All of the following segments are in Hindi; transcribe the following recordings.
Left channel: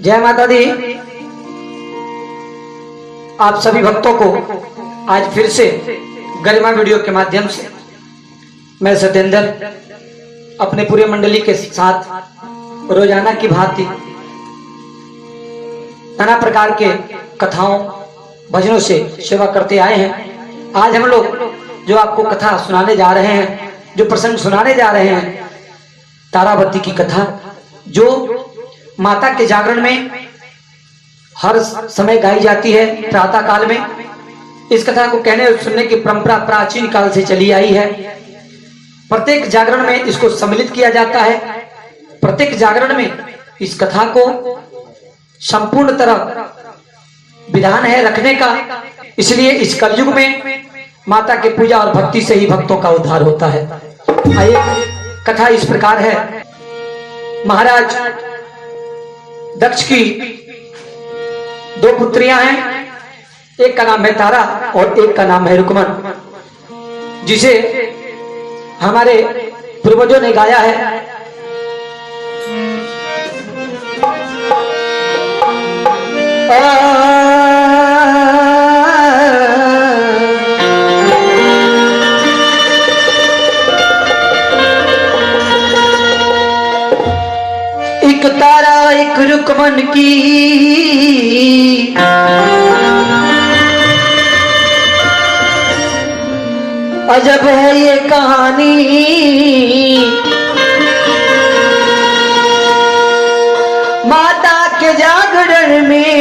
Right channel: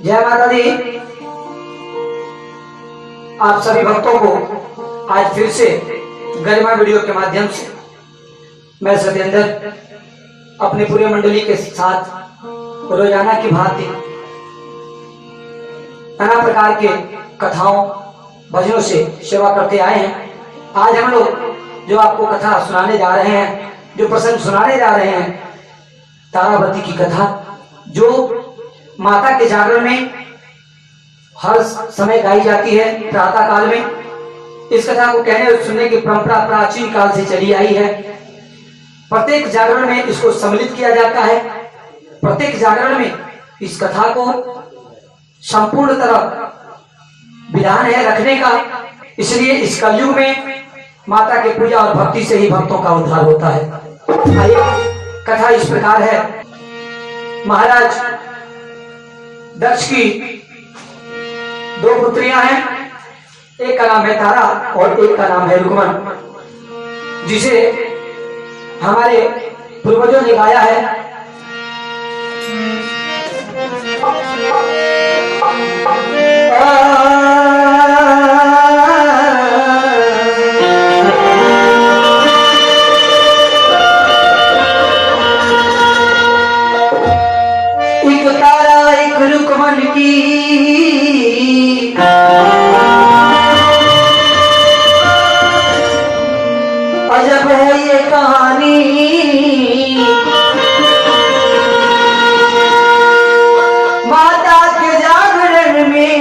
जय माता दी। आप सभी भक्तों को आज फिर से गरिमा वीडियो के माध्यम से मैं सत्येंद्र अपने पूरे मंडली के साथ रोजाना की भांति नाना प्रकार के कथाओं भजनों से सेवा करते आए हैं। आज हम लोग जो आपको कथा सुनाने जा रहे हैं, जो प्रसंग सुनाने जा रहे हैं, तारावती की कथा, जो माता के जागरण में हर समय गाई जाती है प्रातः काल में। इस कथा को कहने और सुनने की परंपरा प्राचीन काल से चली आई है। प्रत्येक जागरण में इसको सम्मिलित किया जाता है। प्रत्येक जागरण में इस कथा को संपूर्ण तरह विधान है रखने का। इसलिए इस कलयुग में माता की पूजा और भक्ति से ही भक्तों का उद्धार होता है। आइए, कथा इस प्रकार है। महाराज दक्ष की दो पुत्रियां हैं। एक का नाम है तारा और एक का नाम है रुकमन, जिसे हमारे पूर्वजों ने गाया है। एक तारा एक रुकमन की अजब है ये कहानी। माता के जागरण में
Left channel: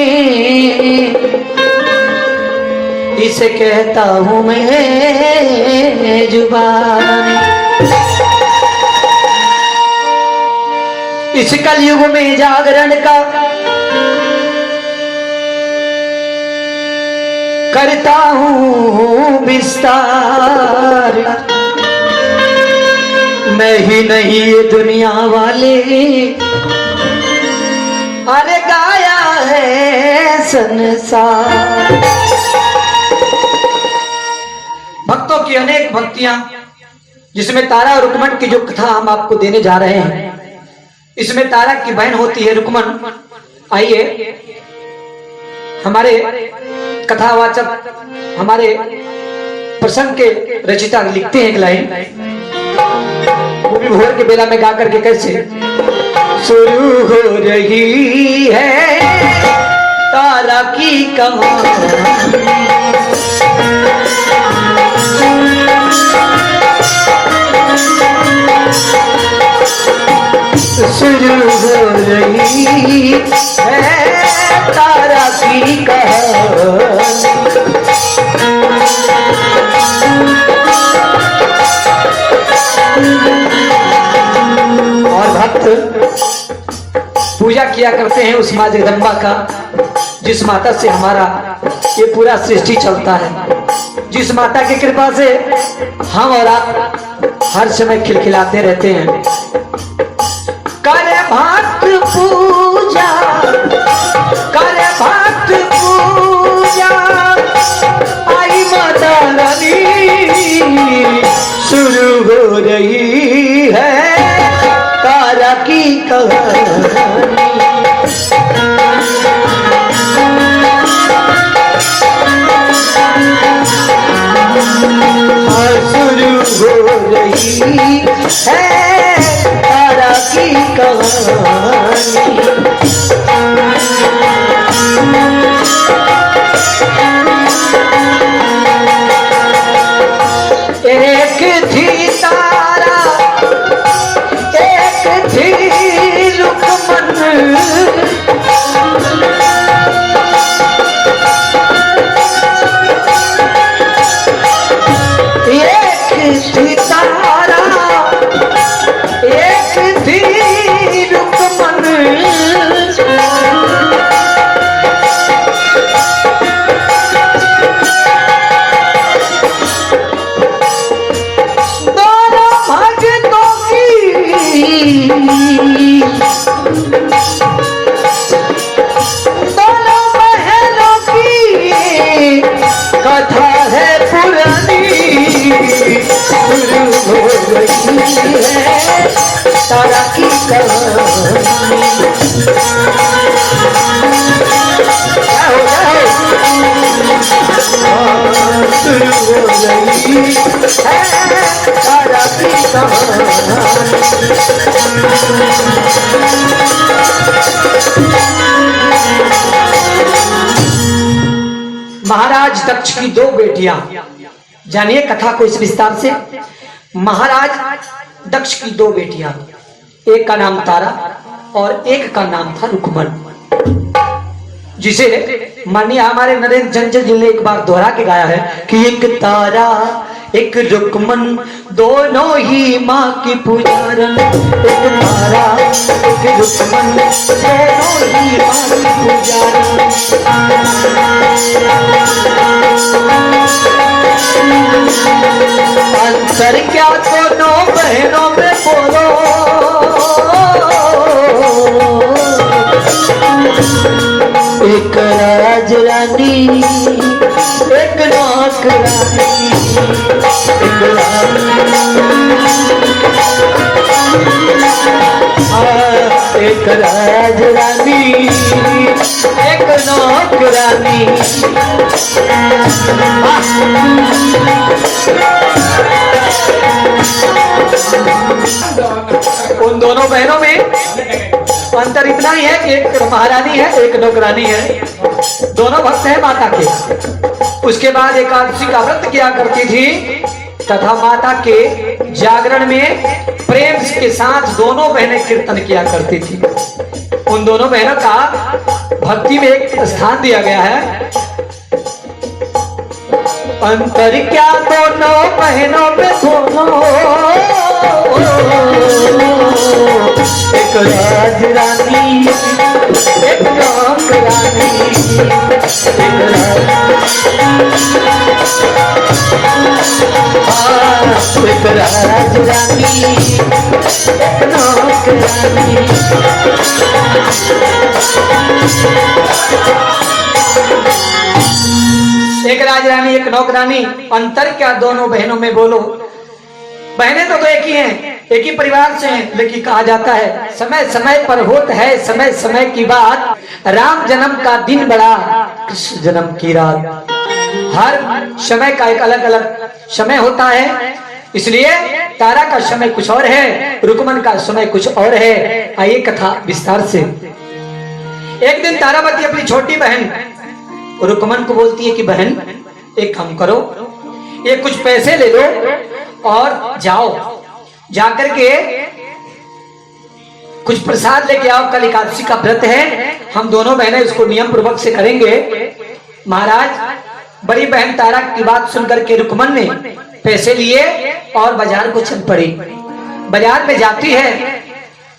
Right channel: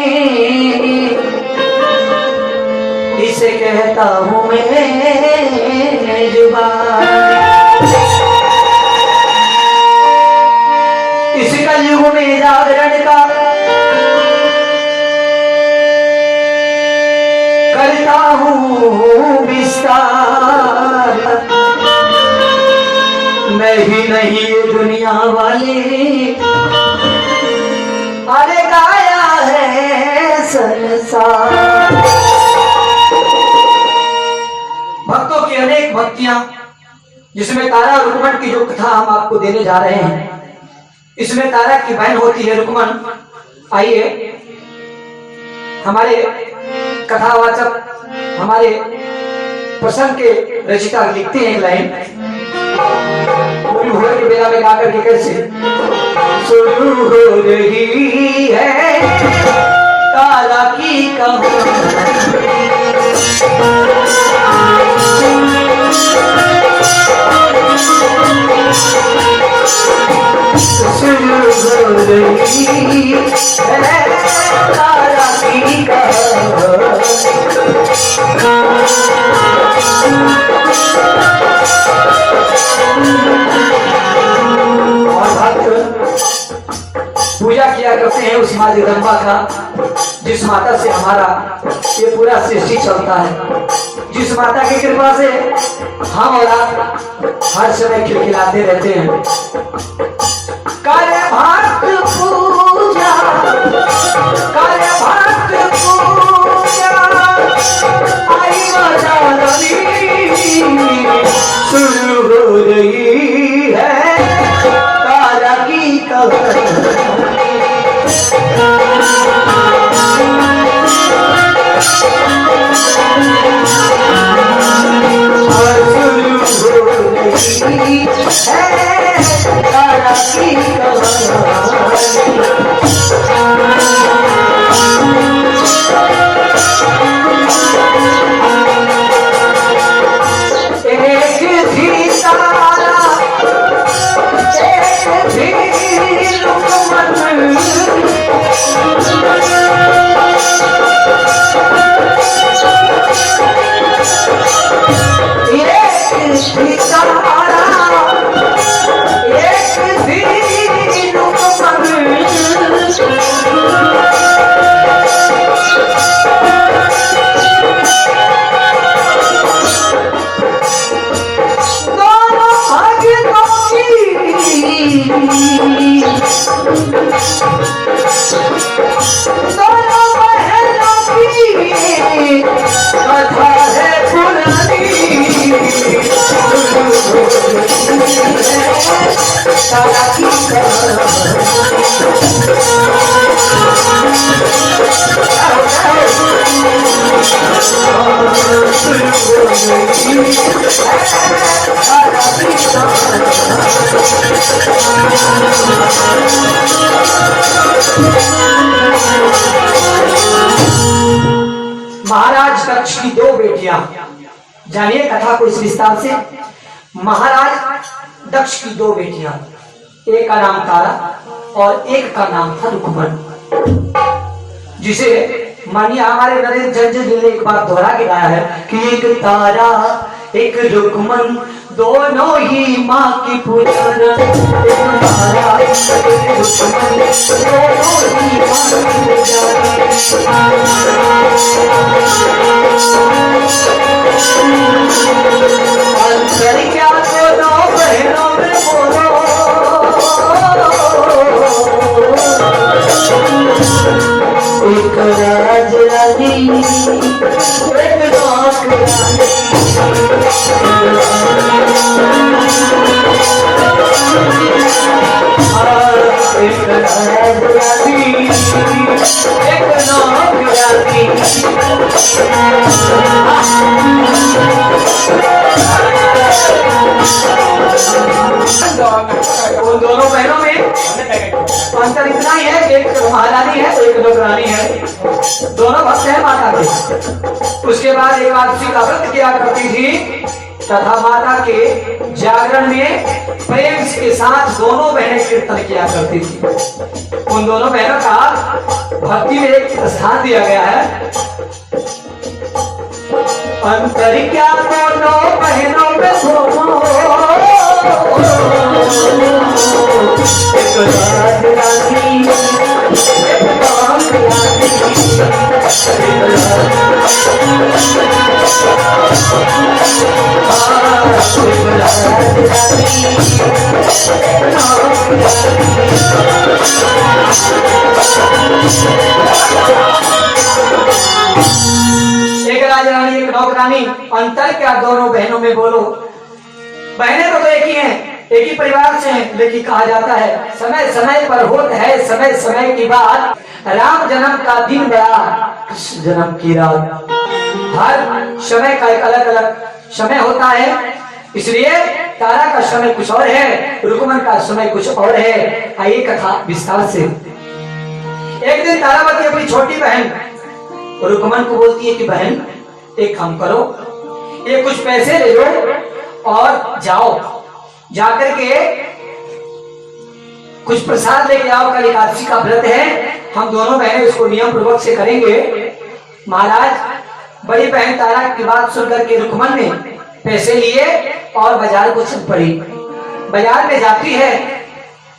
इसे कहता हूं मैं जुबान। इस कलयुग में जागरण का करता हूं विस्तार। मैं ही नहीं ये दुनिया वाले, अरे गाया है संसार। भक्तों की अनेक भक्तियां, जिसमें तारा और रुकमन की जो कथा हम आपको देने जा रहे हैं, इसमें तारा की बहन होती है रुकमन। आइए, हमारे कथावाचक, हमारे प्रसंग के रचिता लिखते हैं एक लाइन, वो भी भोर के बेला में गा करके कैसे। शुरू हो रही है तारा की कहानी, शुरू हो रही है तारा की कहानी। और भक्त पूजा किया करते हैं उस माँ जगदम्बा का, जिस माता से हमारा ये पूरा सृष्टि चलता है, जिस माता की कृपा से हम और आप हर समय खिलखिलाते रहते हैं। करे भक्त पूजा, करे भक्त पूजा, आई माता रानी। शुरू हो रही है तारा की कहानी। शुरू हो रही है तारा की कहानी। एक थी तारा, एक थी रुकमन, एक थी तारा, एक थी रुकमन। दोनों भक्तों की, दोनों बहनों की कथा है पुरानी। तारा की कहानी। महाराज दक्ष की दो बेटियां, जानिए कथा को इस विस्तार से। महाराज दक्ष की दो बेटियां, एक का नाम तारा और एक का नाम था रुक्मण, जिसे माननीय हमारे नरेंद्र जंजल जी ने एक बार दोहरा के गाया है कि एक तारा एक रुक्मण दोनों ही माँ की पूजन। एक तारा एक रुक्मण दोनों ही माँ की पूजन। अंतर क्या दोनों बहनों में बोलो, एक राज रानी एक नौकरानी। एक राज रानी एक नौकरानी। उन दोनों बहनों में अंतर इतना ही है कि एक महारानी है एक नौकरानी है, दोनों भक्त हैं माता के। उसके बाद एकादशी का व्रत किया करती थी तथा माता के जागरण में प्रेम के साथ दोनों बहनें कीर्तन किया करती थी। उन दोनों बहनों का भक्ति में एक स्थान दिया गया है। अंतर क्या दोनों बहनों में दोनों, एक राज रानी एक नौकरानी। एक राज रानी एक नौकरानी। एक राज रानी एक नौकरानी, अंतर क्या दोनों बहनों में बोलो। बहनें तो एक ही हैं, एक ही परिवार से हैं, लेकिन कहा जाता है समय समय पर होता है समय समय की बात। राम जन्म का दिन बड़ा कृष्ण जन्म की रात। हर समय का एक अलग अलग समय होता है, इसलिए तारा का समय कुछ और है, रुक्मण का समय कुछ और है। आइए कथा विस्तार से। एक दिन तारावती अपनी छोटी बहन रुक्मण को बोलती है कि बहन एक काम करो, ये कुछ पैसे ले लो और जाओ, जाकर के कुछ प्रसाद लेके आओ, कल एकादशी का व्रत है, हम दोनों बहनें उसको नियम पूर्वक से करेंगे। महाराज बड़ी बहन तारा की बात सुनकर के रुक्मण ने पैसे लिए और बाजार को चल पड़ी। बाजार पे जाती है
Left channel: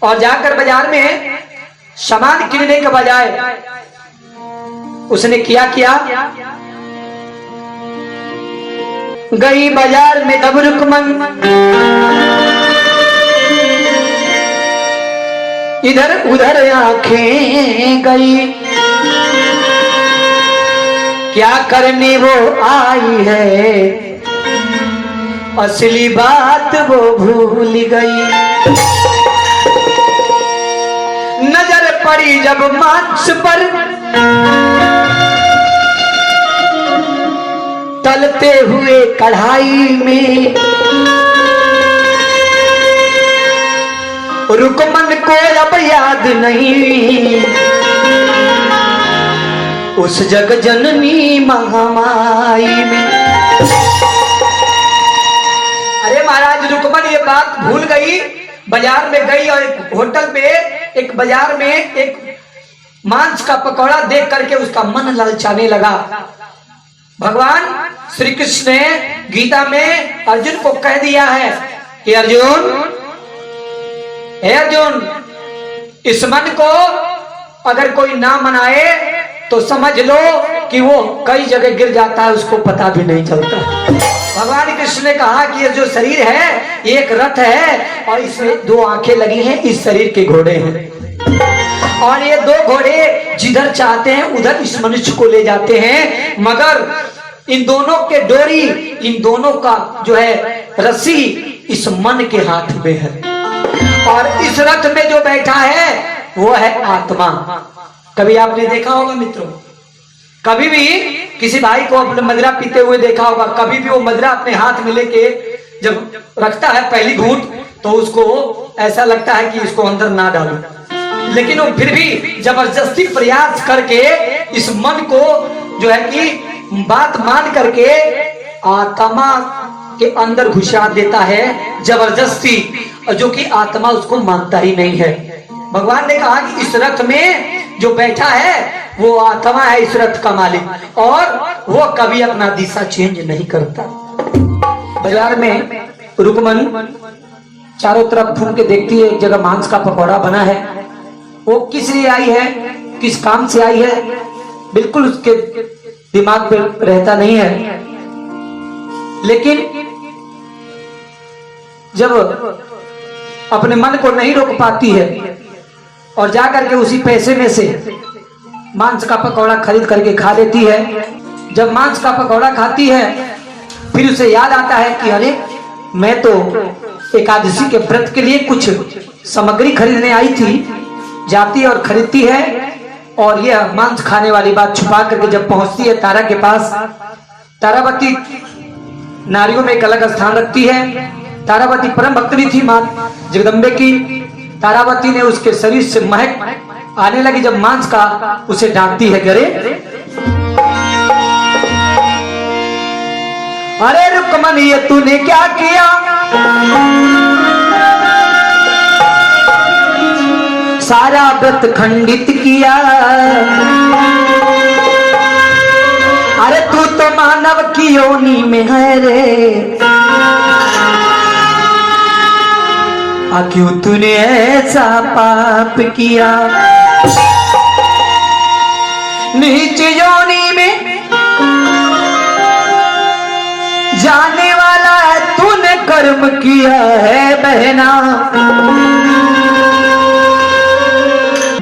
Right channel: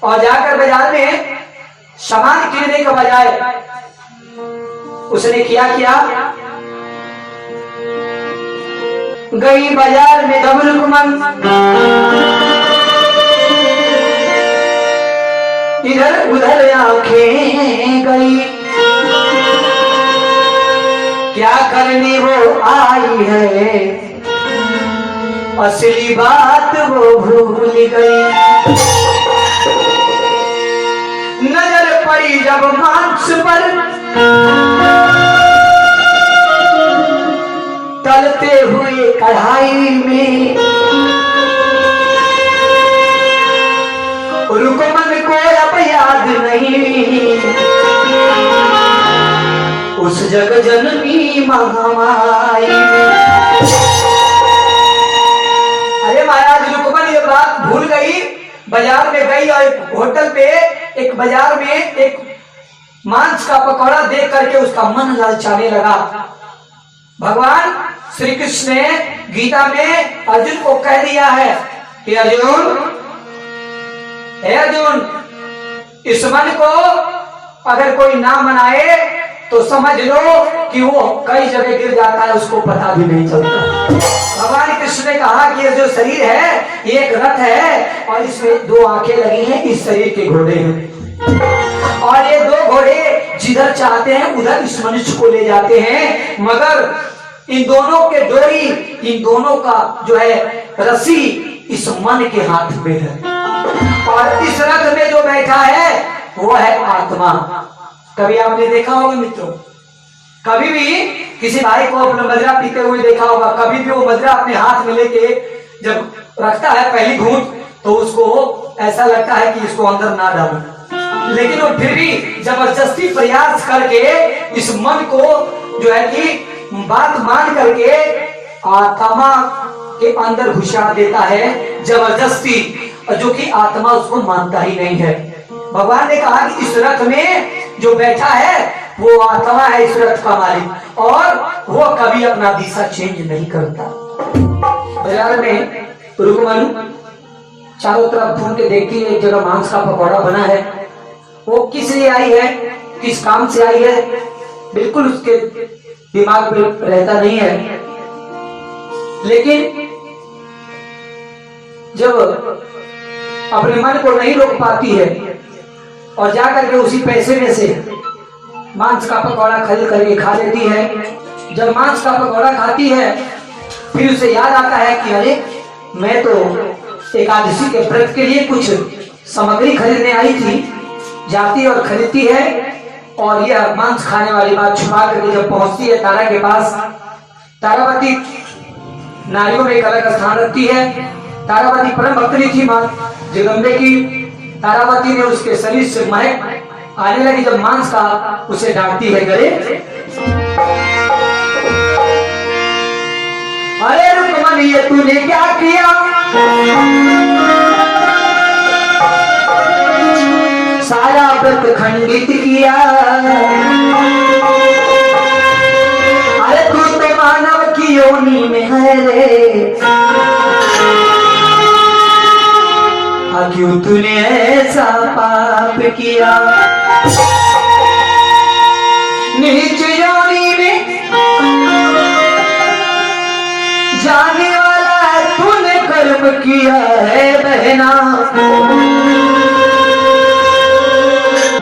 और जाकर बाजार में सामान किनने के बजाय उसने क्या किया, गई बाजार में तब रुक्मण इधर उधर आंखें गई, क्या करने वो आई है, असली बात वो भूल गई। नजर पड़ी जब मांस पर तलते हुए कढ़ाई में, रुक्मण को अब याद नहीं उस जग जननी महामाई में। अरे महाराज रुक्मण ये बात भूल गई, बाजार में गई और एक होटल पे एक बाजार में एक मांस का पकौड़ा देख करके उसका मन ललचाने लगा। भगवान श्री कृष्ण ने गीता में अर्जुन को कह दिया है कि अर्जुन, हे अर्जुन, इस मन को अगर कोई ना मनाए तो समझ लो कि वो कई जगह गिर जाता है, उसको पता भी नहीं चलता। भगवान कृष्ण ने कहा कि ये जो शरीर है ये एक रथ है और इसमें दो आंखें लगी हैं, इस शरीर के घोड़े हैं और ये दो घोड़े जिधर चाहते हैं उधर इस मनुष्य को ले जाते हैं, मगर इन दोनों के डोरी, इन दोनों का जो है रस्सी इस मन के हाथ में है और इस रथ में जो बैठा है वो है आत्मा। कभी आपने देखा होगा मित्रों, कभी भी किसी भाई को अपने मदिरा पीते हुए देखा होगा, कभी भी वो मदिरा अपने हाथ में लेके जब रखता है पहली घूंट, तो उसको ऐसा लगता है कि इसको अंदर ना डालो, लेकिन वो फिर भी जबरदस्ती प्रयास करके इस मन को जो है कि बात मान करके आत्मा के अंदर घुसा देता है जबरदस्ती, जो कि आत्मा उसको मानता ही नहीं है। भगवान ने कहा कि इस रथ में जो बैठा है वो आत्मा है, इस रथ का मालिक, और वो कभी अपना दिशा चेंज नहीं करता। बाजार में रुकमन चारों तरफ घूम के देखती है, एक जगह मांस का पकौड़ा बना है। वो किस लिए आई है, किस काम से आई है, बिल्कुल उसके दिमाग में रहता नहीं है। लेकिन जब अपने मन को नहीं रोक पाती है और जाकर के उसी पैसे में से मांस का पकौड़ा खरीद करके खा लेती है, जब मांस का पकौड़ा खाती है फिर उसे याद आता है कि अरे मैं तो एकादशी के व्रत के लिए कुछ सामग्री खरीदने आई थी। जाती और खरीदती है और यह मांस खाने वाली बात छुपा करके जब पहुंचती है तारा के पास, तारावती नारियों में एक अलग स्थान रखती है। तारावती परम भक्तनी थी मां जगदम्बे की। तारावती ने उसके शरीर से महक आने लगी जब मांस का, उसे डांटती है, अरे रुकमन ये तूने क्या किया, सारा व्रत खंडित किया। अरे तू तो मानव की योनि में है रे, क्यों तूने ऐसा पाप किया। नीच योनि में जाने वाला है तूने कर्म किया है बहना।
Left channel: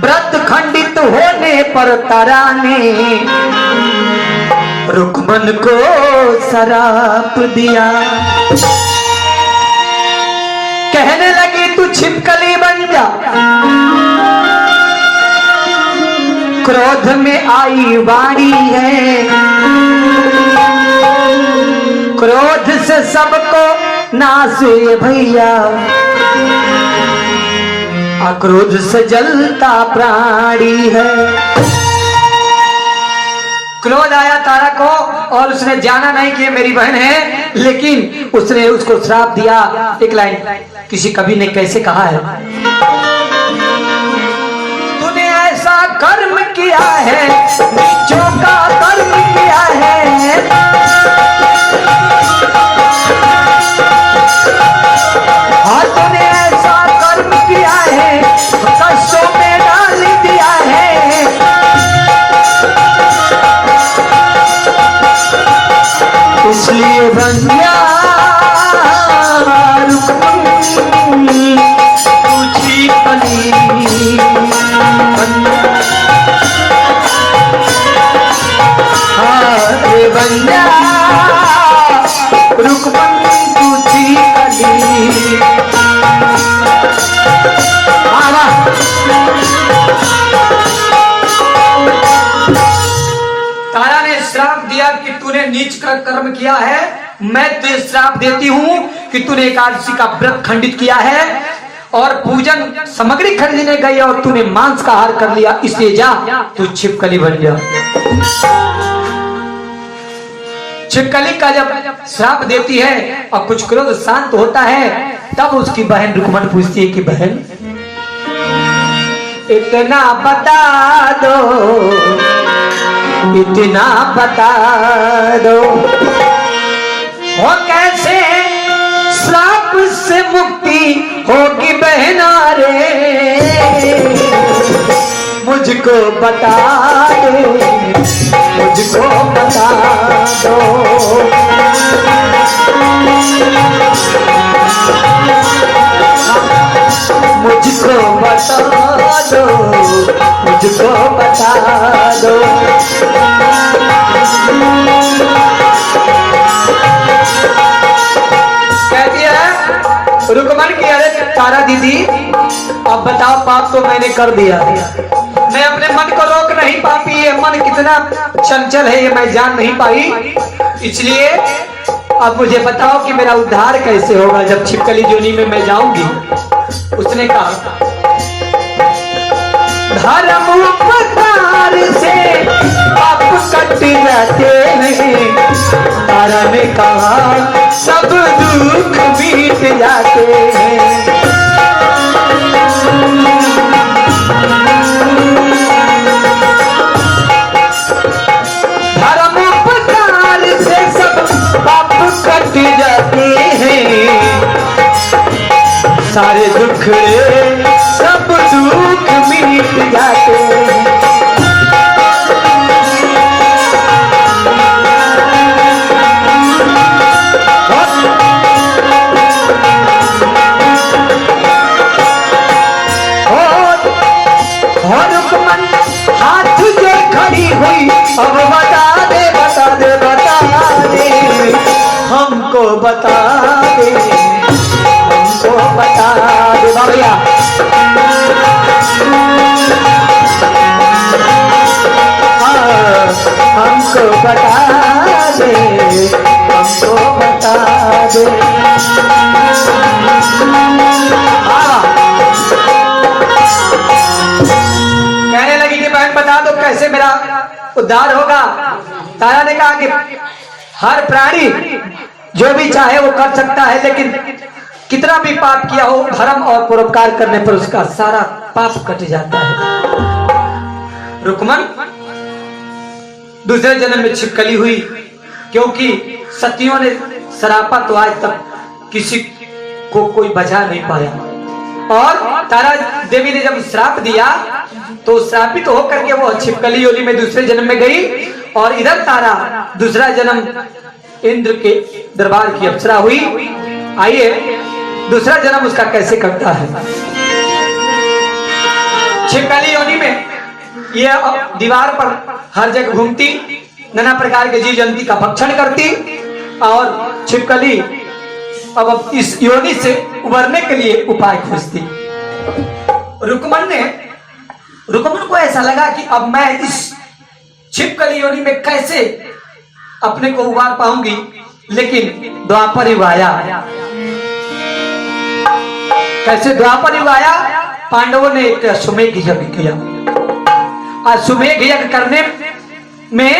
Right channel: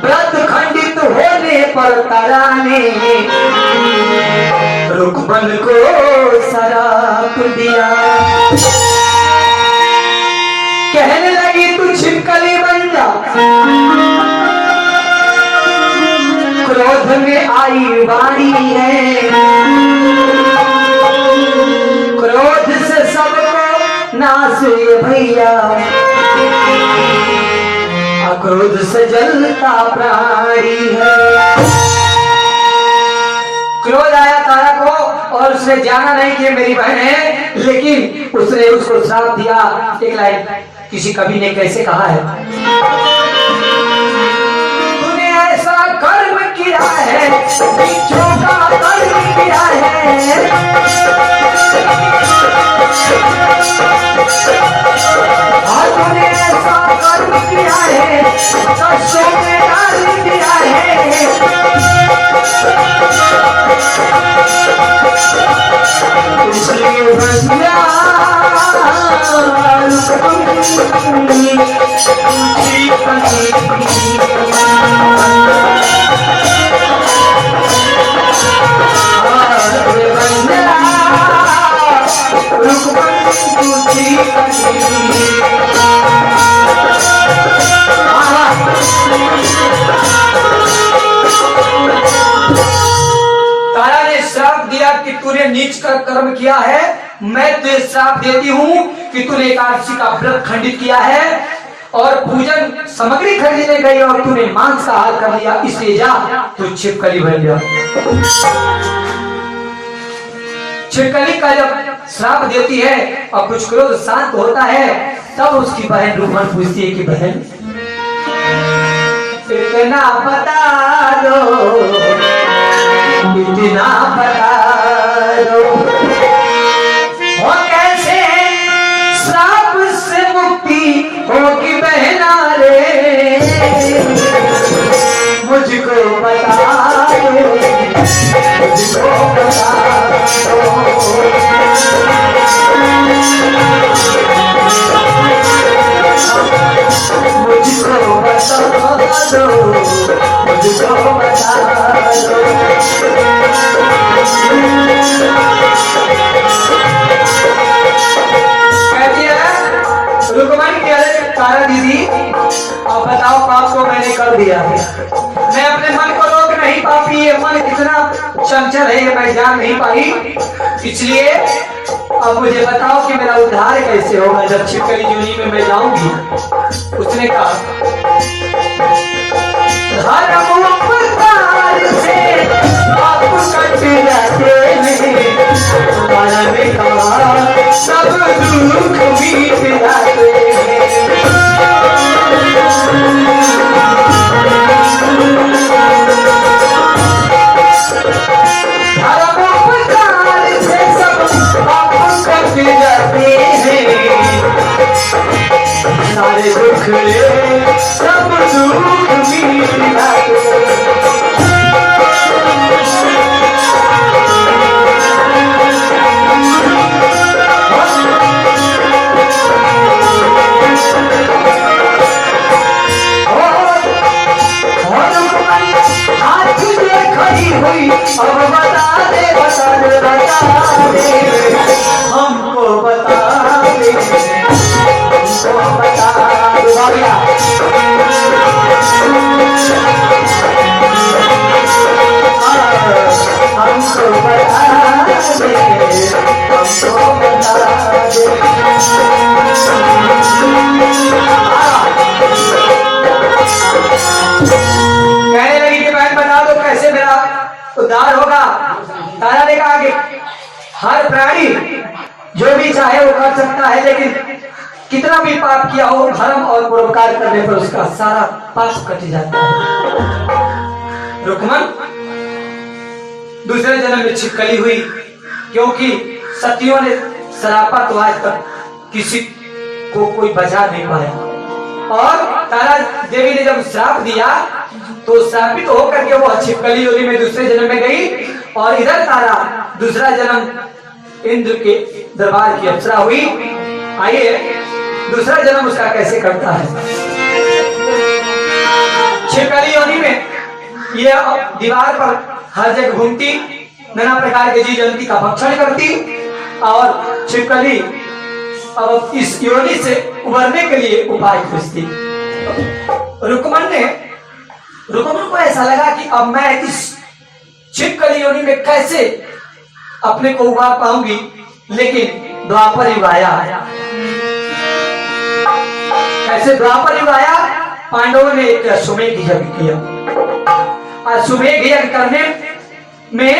व्रत खंडित होने पर तारा ने रुकमन को शराप दिया। कहने लगी तू छिपकली बन जा, क्रोध में आई बारी है, क्रोध से सबको नासे भैया, क्रोध से जलता प्राणी है। क्रोध आया तारा को और उसने जाना नहीं कि मेरी बहन है, लेकिन उसने उसको श्राप दिया। एक लाइन किसी कवि ने कैसे कहा है, तूने ऐसा कर्म किया है, नीचों का कर्म किया है, और तूने ऐसा कर्म किया है, कष्टों में डाल दिया है। इसलिए बंदिया तारा ने श्राप दिया कि तूने नीच का कर्म किया है। मैं तुझे श्राप देती हूँ कि तूने एकादशी का व्रत खंडित किया है और पूजन सामग्री खरीदने गई और तूने मांस का आहार कर लिया, इसलिए जा तू छिपकली बन जा। छिपकली का जब श्राप देती है और कुछ क्रोध शांत होता है, तब उसकी बहन रुकमन पूछती है कि बहन इतना बता दो, इतना बता दो, वो कैसे श्राप से मुक्ति होगी बहना रे, मुझको बता दो, मुझको बता दो। मुझको बता दो, मुझको बता दो। कहती है रुकमन की, अरे तारा दीदी अब बताओ पाप तो मैंने कर दिया, मैं अपने मन को रोक नहीं नहीं पापी है, मन कितना चंचल है ये मैं जान नहीं पाई। इसलिए अब मुझे बताओ कि मेरा उद्धार कैसे होगा जब छिपकली जोनी में मैं जाऊंगी। उसने कहा धर्म उपकार से आप कट जाते हैं, तारा ने कहा सब दुख बीत जाते हैं। धर्म उपकार से सब पाप कट जाते हैं, सारे दुख सब दुख बीत जाते हैं। हाथ जो खड़ी हुई अब बता दे बता दे बता दे, हमको बता दे हमको बता दे भैया। हमको बता दे हमको बता दे। कहने लगी कि मैं बता दो कैसे मेरा उद्धार होगा। तारा ने कहा कि हर प्राणी जो भी चाहे वो कर सकता है, लेकिन कितना भी पाप किया हो धर्म और परोपकार करने पर उसका सारा पाप कट जाता है। रुकमन दूसरे जन्म में छिपकली हुई, क्योंकि सतियों ने सरापा तो आज तक किसी को कोई बचा नहीं पाया। और तारा देवी ने जब श्राप दिया तो श्रापित तो होकर के वो छिपकली योनि में दूसरे जन्म में गई, और इधर तारा दूसरा जन्म इंद्र के दरबार की अप्सरा हुई। आइए दूसरा जन्म उसका कैसे करता है। छिपकली योनि में ये दीवार पर हर जगह घूमती, नाना प्रकार के जीव जंतु का भक्षण करती, और छिपकली अब इस योनि से उबरने के लिए उपाय खोजती। रुकमन को ऐसा लगा कि अब मैं इस छिपकली योनि में कैसे अपने को उबार पाऊंगी, लेकिन द्वापर युग आया। कैसे द्वापर युग आया? पांडवों ने एक अश्वमेध यज्ञ किया। अश्वमेध यज्ञ करने में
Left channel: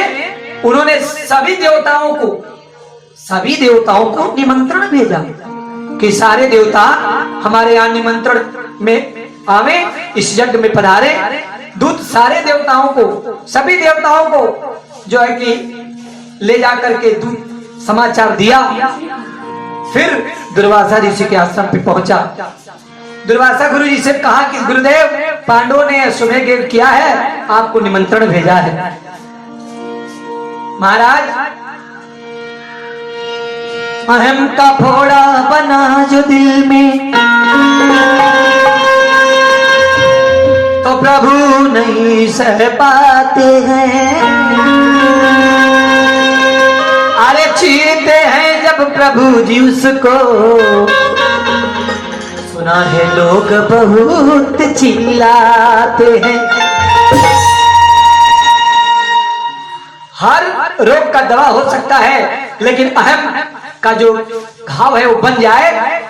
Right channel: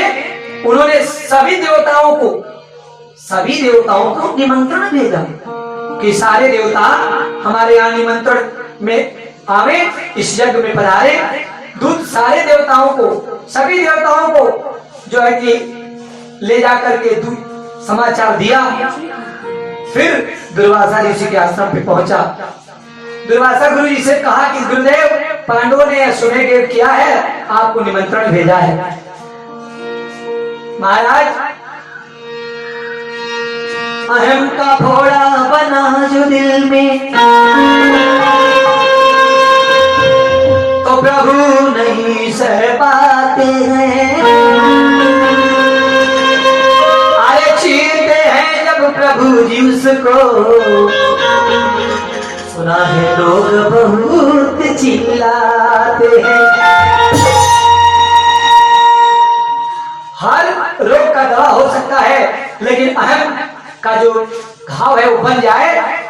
उन्होंने सभी देवताओं को निमंत्रण भेजा कि सारे देवता हमारे यहाँ निमंत्रण में आवे, इस यज्ञ में पधारे। दूत सारे देवताओं को, सभी देवताओं को जो है कि ले जाकर के दूत समाचार दिया। फिर दुर्वासा ऋषि के आश्रम पे पहुंचा। दुर्वासा गुरु जी से कहा कि गुरुदेव, पांडवों ने अश्वमेध किया है, आपको निमंत्रण भेजा है। महाराज, अहम का फोड़ा बना जो दिल में, तो प्रभु नहीं सह पाते हैं। अरे चीरते हैं जब प्रभु जी उसको, सुना है लोग बहुत चिल्लाते हैं। हर रोग का दवा हो सकता है, लेकिन अहम का जो घाव है वो बन जाए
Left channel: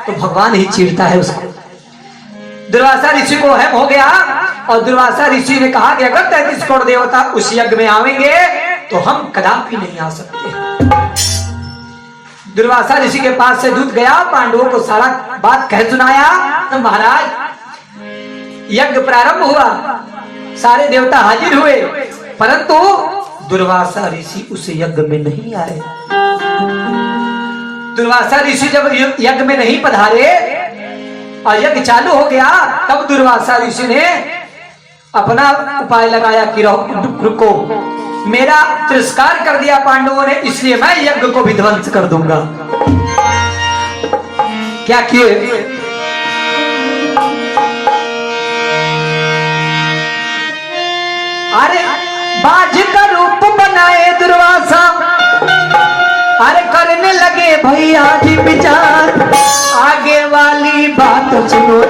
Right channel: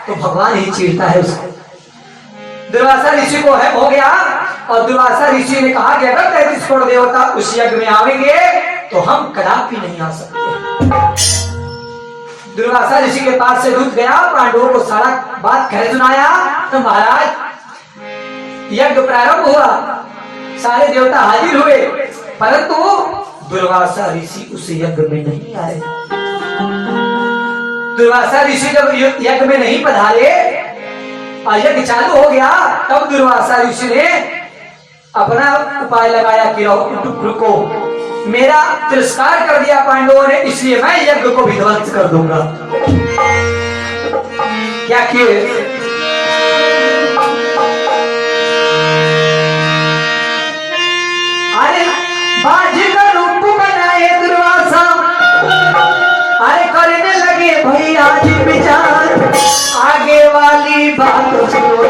तो भगवान ही चीरता है उसको। दुर्वासा ऋषि को अहम हो गया, और दुर्वासा ऋषि ने कहा कि अगर 33 करोड़ देवता उस यज्ञ में आवेंगे तो हम कदापि नहीं आ सकते। दुर्वासा ऋषि के पास से दूत गया, पांडवों को सारा बात कह सुनाया। तो महाराज यज्ञ प्रारंभ हुआ, सारे देवता हाजिर हुए, परंतु दुर्वासा ऋषि उस यज्ञ में नहीं आए। दुर्वासा ऋषि जब यज्ञ में नहीं पधारे और यज्ञ चालू हो गया, तब दुर्वासा ऋषि ने अपना उपाय लगाया कि रुको, मेरा तिरस्कार कर दिया पांडवों ने, इसलिए मैं यज्ञ को भी ध्वंस कर दूंगा। क्या किए? अरे बाज का रूप बनाए दुर्वासा, अरे करने लगे भैया जी विचार, आगे वाली बात सुनो,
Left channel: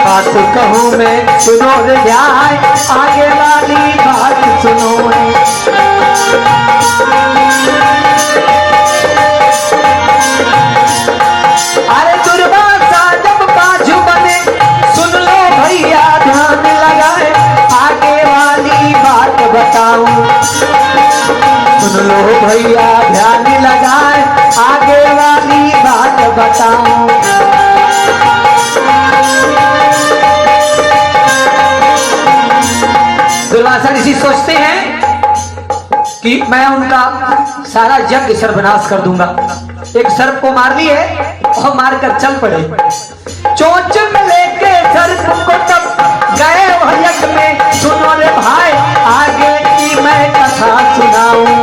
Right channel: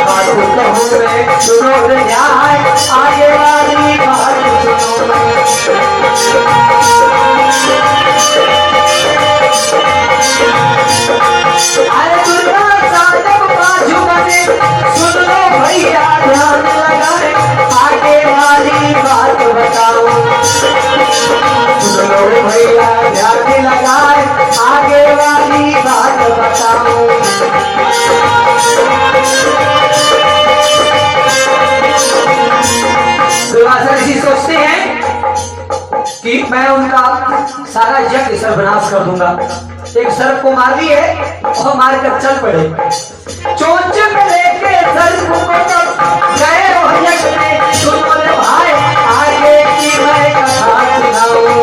बात कहूँ मैं सुनो ध्यान, आगे वाली मैं उनका सारा यज्ञ सर्वनाश कर दूंगा। एक सर्प को मार दिए और मारकर चल पड़े। चोंच में लेके सर्प को तब गए यज्ञ में। सुनो रे भाई आगे की मैं कथा सुनाऊं।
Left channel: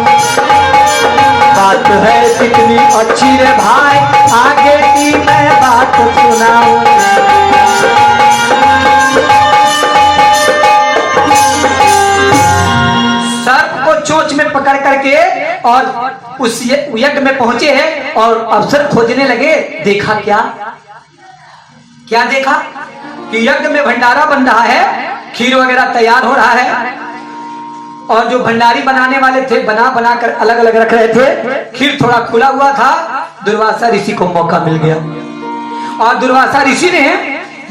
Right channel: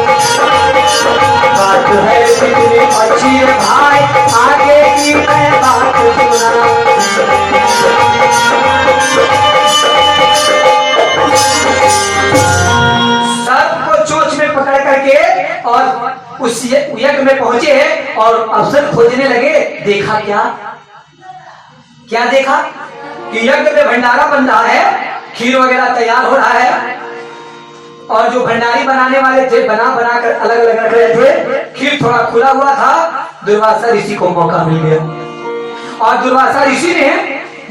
बात है कितनी अच्छी है भाई, आगे की मैं बात सुनाऊं। करके और उस यज्ञ में पहुंचे और अवसर खोजने लगे। देखा क्या क्या देखा कि यज्ञ में भंडारा बन रहा है, खीर वगैरह तैयार हो रहा है और जो भंडारी बनाने वाले थे बना कर अलग अलग रख रहे थे। खीर थोड़ा खुला हुआ था। दुर्वासा ऋषि को मौका मिल गया और दुर्वासा ऋषि ने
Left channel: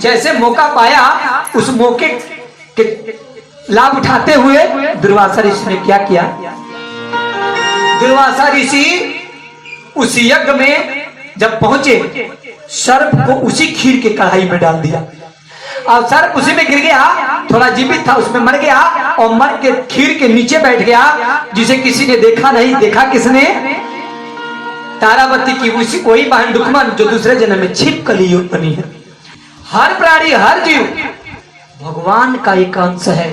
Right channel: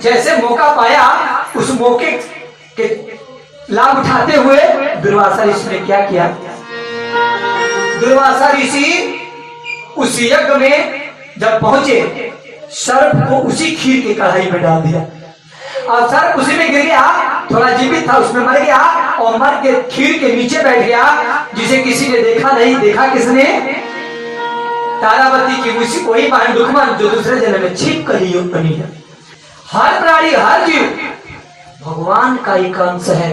जैसे मौका पाया उस मौके के लाभ उठाते हुए दुर्वासा ऋषि ने क्या किया। दुर्वासा ऋषि उस यज्ञ में जब पहुंचे सर्प को उसी खीर के कढ़ाई में डाल दिया और सर्प उसी में गिर गया। थोड़ा जीवित था, उसमें मर गया और मर के खीर के नीचे बैठ गया, जिसे किसी ने देखा नहीं। देखा किसने? तारावती की उसी कोई बहन दुखमन जो दूसरे जन्म में छिपकली बनी है। हर प्राणी हर जीव भगवान का एक अंश है,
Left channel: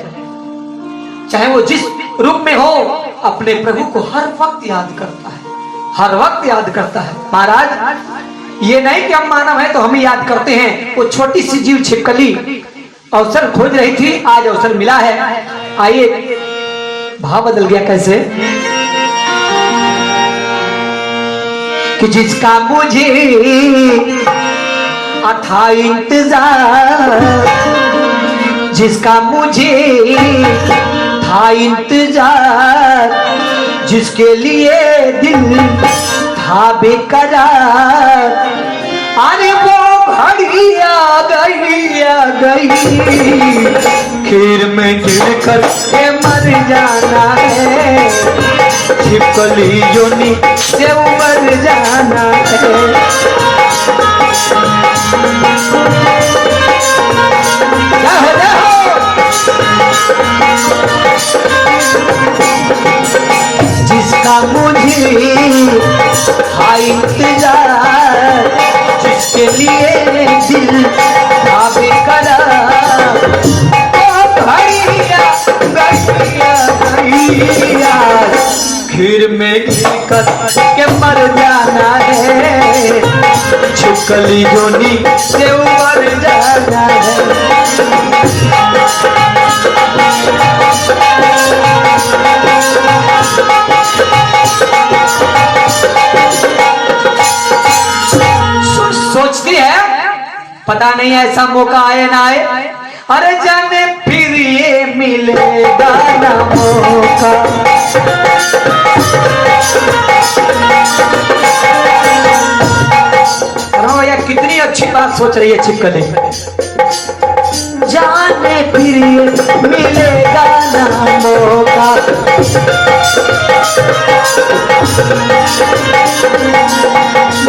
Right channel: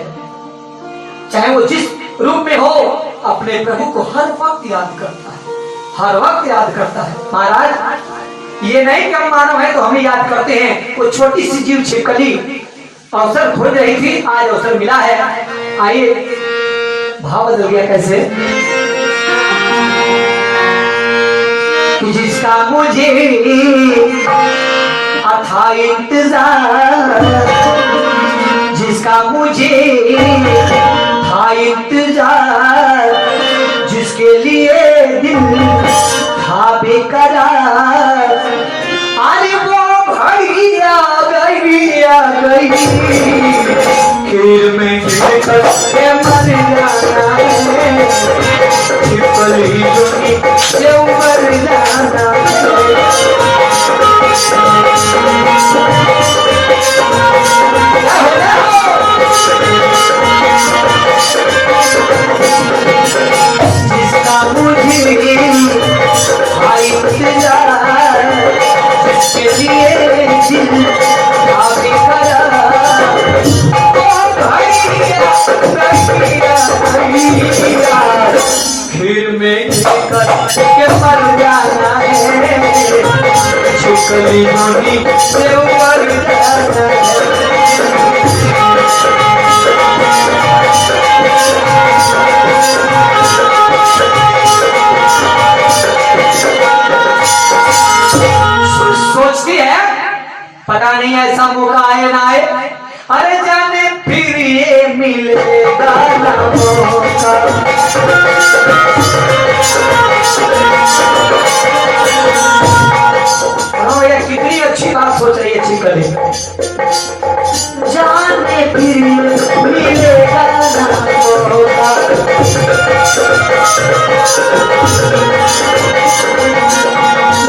चाहे वो जिस रूप में हो, अपने प्रभु को हर वक्त याद करता है, हर वक्त याद करता है। महाराज ये नहीं कि हम मानव हैं तो हम ही याद करते हैं। वो छोटी सी जीव छिपकली अवसर खोज रही थी, आज अवसर मिला है। आइए भाव बदल गया कैसे कि जिसका मुझे था इंतजार, जिसका मुझे था इंतजार, जिसके लिए दिल था बेकरार, अरे वो घड़ी आ गई, खीर में गिरकर के मर जाना है, छिपकली जोनी से मर जाना है। जिसका मुझे था इंतजार, जिसके लिए दिल था बेकरार, खीर में गिरकर के मर जाना है, छिपकली जोनी से मर जाना है। सोचती है पता नहीं ऐसा मौका आए ना आए, अरे जाने फिर ये मिलेगा ना मौका। ये कितनी अच्छी बात सोच रही है छिपकली, जाने फिर ये मिलेगा ना मौका।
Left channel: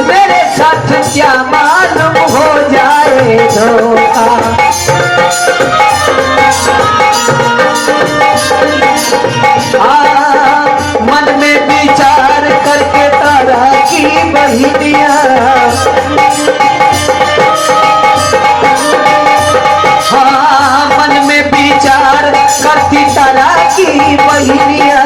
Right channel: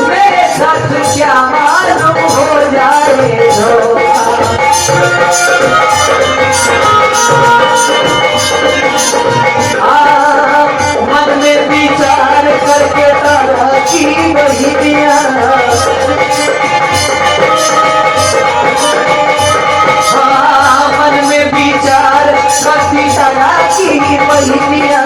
मेरे साथ क्या मालूम हो जाए धोखा, मन में विचार करके तारा की वही दिया, मन में विचार करती तारा की वही दिया।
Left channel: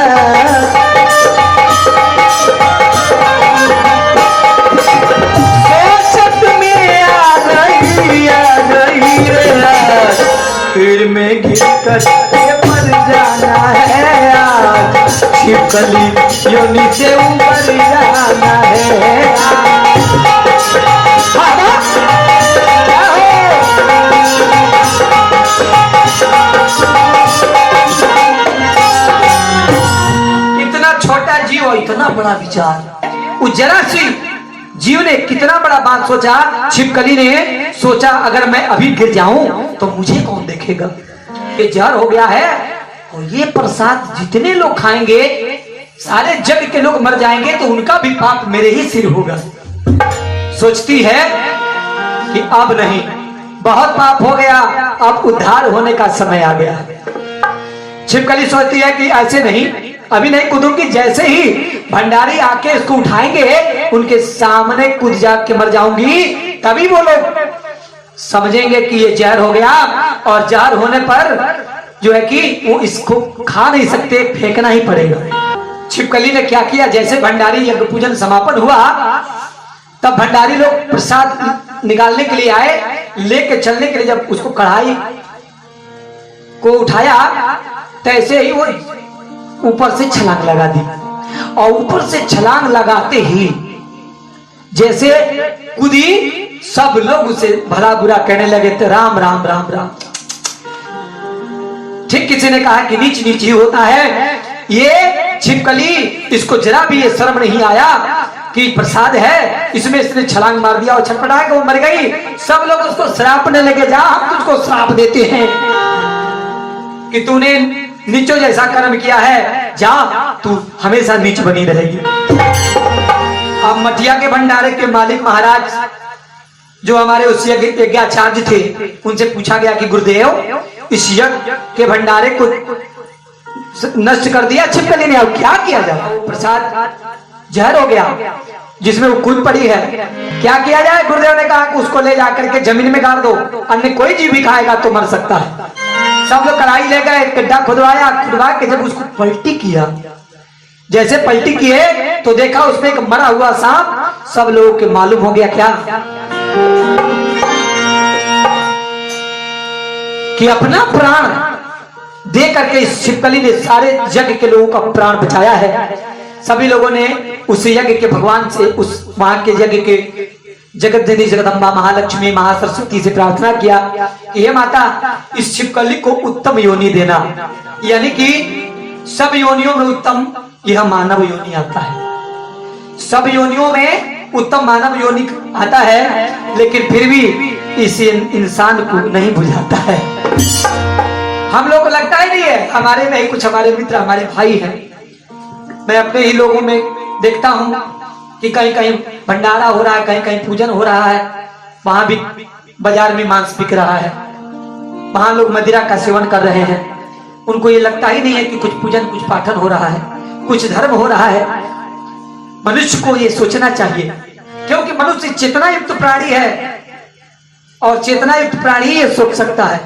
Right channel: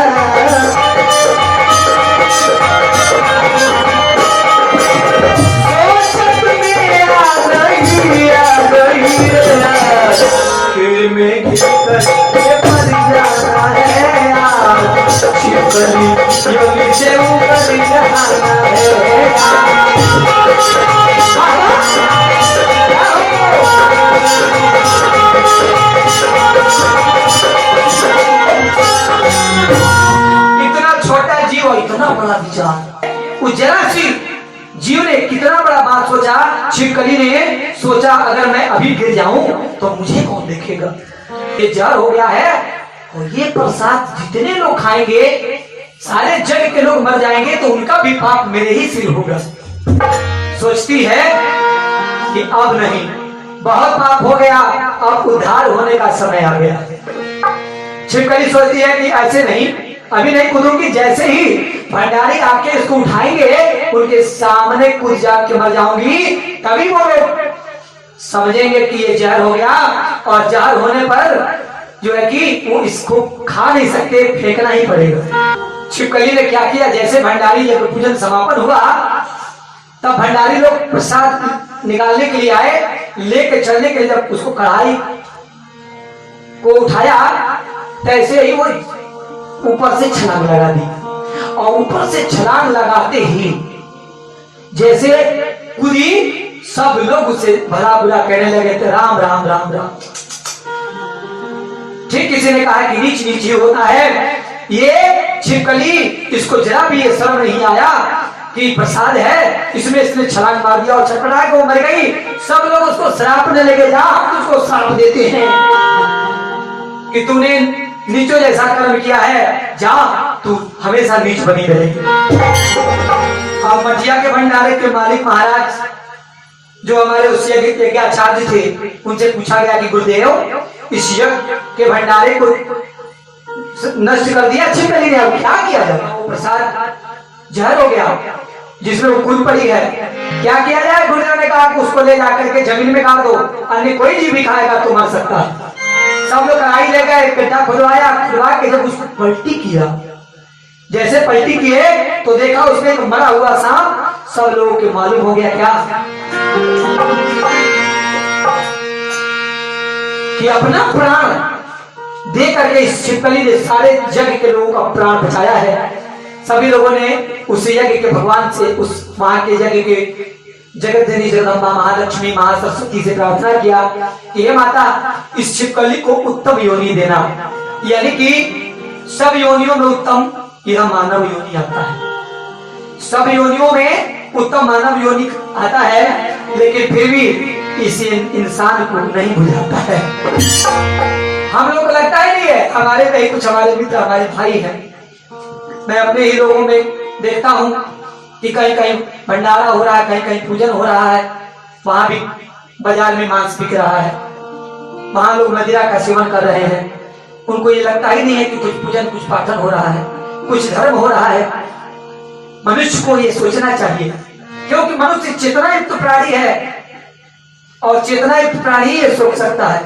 फिर में गिरकर मर जाना है, छिपकली यो नीचे ऊपर जाना है। इतना छोटा जीव और इतना बड़ा विचार, उस जरा सी जीव ने कितना बड़ा बात सोचा। छिपकली ने सोचा अगर मैं अभी गिर जाऊं तो मुझे कौन देखेगा, ये जहर हो गया है और ये प्रसाद जितने लोग खाएंगे सारे जग के लोग मर जाएंगे तो उनका भी पाप मेरे ही सिर होगा। सोचती है कि अब नहीं, बहुत पाप हो गया, अब उद्धार होने का समय आ गया। छिपकली सोचती है कि ऐसे नहीं, अभी नहीं कूदूंगी। जैसे ही भंडारी आके इसको उठाएंगे, उनके सामने कूद जा के मर जाऊंगी, तभी वो लोग समझेंगे कि ये जहर हो गया। और जहर होने पर जो है कि वो इसको खा नहीं सकते, फेंकना ही पड़ेगा। छिपकली ने क्या किया, जैसे भंडारी यज्ञ पूजन समापन हुआ, तब भंडारी लोग प्रसाद निकालने के लिए आए। लेके चलने के लिए जब उसको कढ़ाई को उठाया, तैसे ही वो ऊपर से छलांग लगा दी। और ऊपर से छलांग लगाते ही जैसे कूदी, सब लोग उसे भला बुरा कहने लगे, तो राम राम राम राम। ठीक किसी ने कहा कि नीच नीच ही होता है। ये छिपकली, इसको जरा भी ये शर्म नहीं आया कि प्रसाद है, इसमें इसने छलांग मार दिया और छटपटा के वो मर गई। सब लोग उसको श्राप देने लगे, जा हम तुझको श्राप देते हैं कि तूने नीचों जैसा कर्म किया है, जा तू हमेशा नीच बनी रहेगी। अब मटिया के भंडारे के मालिक महाराज जो हमारे उस यज्ञाचार्य थे, उनसे पूछा गया कि गुरुदेव, इस यज्ञ के भंडारे को नष्ट कर दिया छिपकली ने, अब क्या किया जाए? प्रसाद जहर हो गया जिसमें वो कूद पड़ी है, क्या किया जाए? गुरुदेव ने कहा कि उसको ले जाकर के जमीन में गाड़ दो, अन्य कोई जीव भी खाएगा तो मर सकता है। सब लोग कढ़ाई ले गए, गड्ढा खुदवाया, खुदवा के जब उसको पलटी किया, जैसे पलटी किए तो देखा उसमें एक मरा हुआ सांप। सब लोगों के मालूम हो गया क्या कि अपना प्राण दे करके इस छिपकली ने सारे जग के लोगों का प्राण बचाया है। सभी लोगों ने उस यज्ञ के भगवान से, उस वहां के यज्ञ के जगतजननी जगदम्बा महालक्ष्मी महासरस्वती से प्रार्थना किया कि हे माता, इस छिपकली को उत्तम योनि देना, यानी कि सब योनियों में उत्तम यह मानव योनि आता है। सब योनियों में उत्तम मानव योनि आता है, लेकिन फिर भी इस इंसान को नहीं बुझाता है। हम लोग को लगता ही नहीं है, हमारे में कुछ हमारे मित्र, हमारे भाई हैं। मैं अपने ही लोगों में देखता हूं कि कहीं कहीं भंडारा हो रहा है, कहीं कहीं पूजन हो रहा है, वहां भी बाजार में मांस बिक रहा है, वहां लोग मदिरा का सेवन कर रहे हैं। उनको ये लगता ही नहीं है कि कुछ पूजन, कुछ पाठन हो रहा है, कुछ धर्म हो रहा है। मनुष्य को ये सोचना चाहिए, क्योंकि मनुष्य चेतना युक्त प्राणी है और चेतना युक्त प्राणी ये सोच सकता है।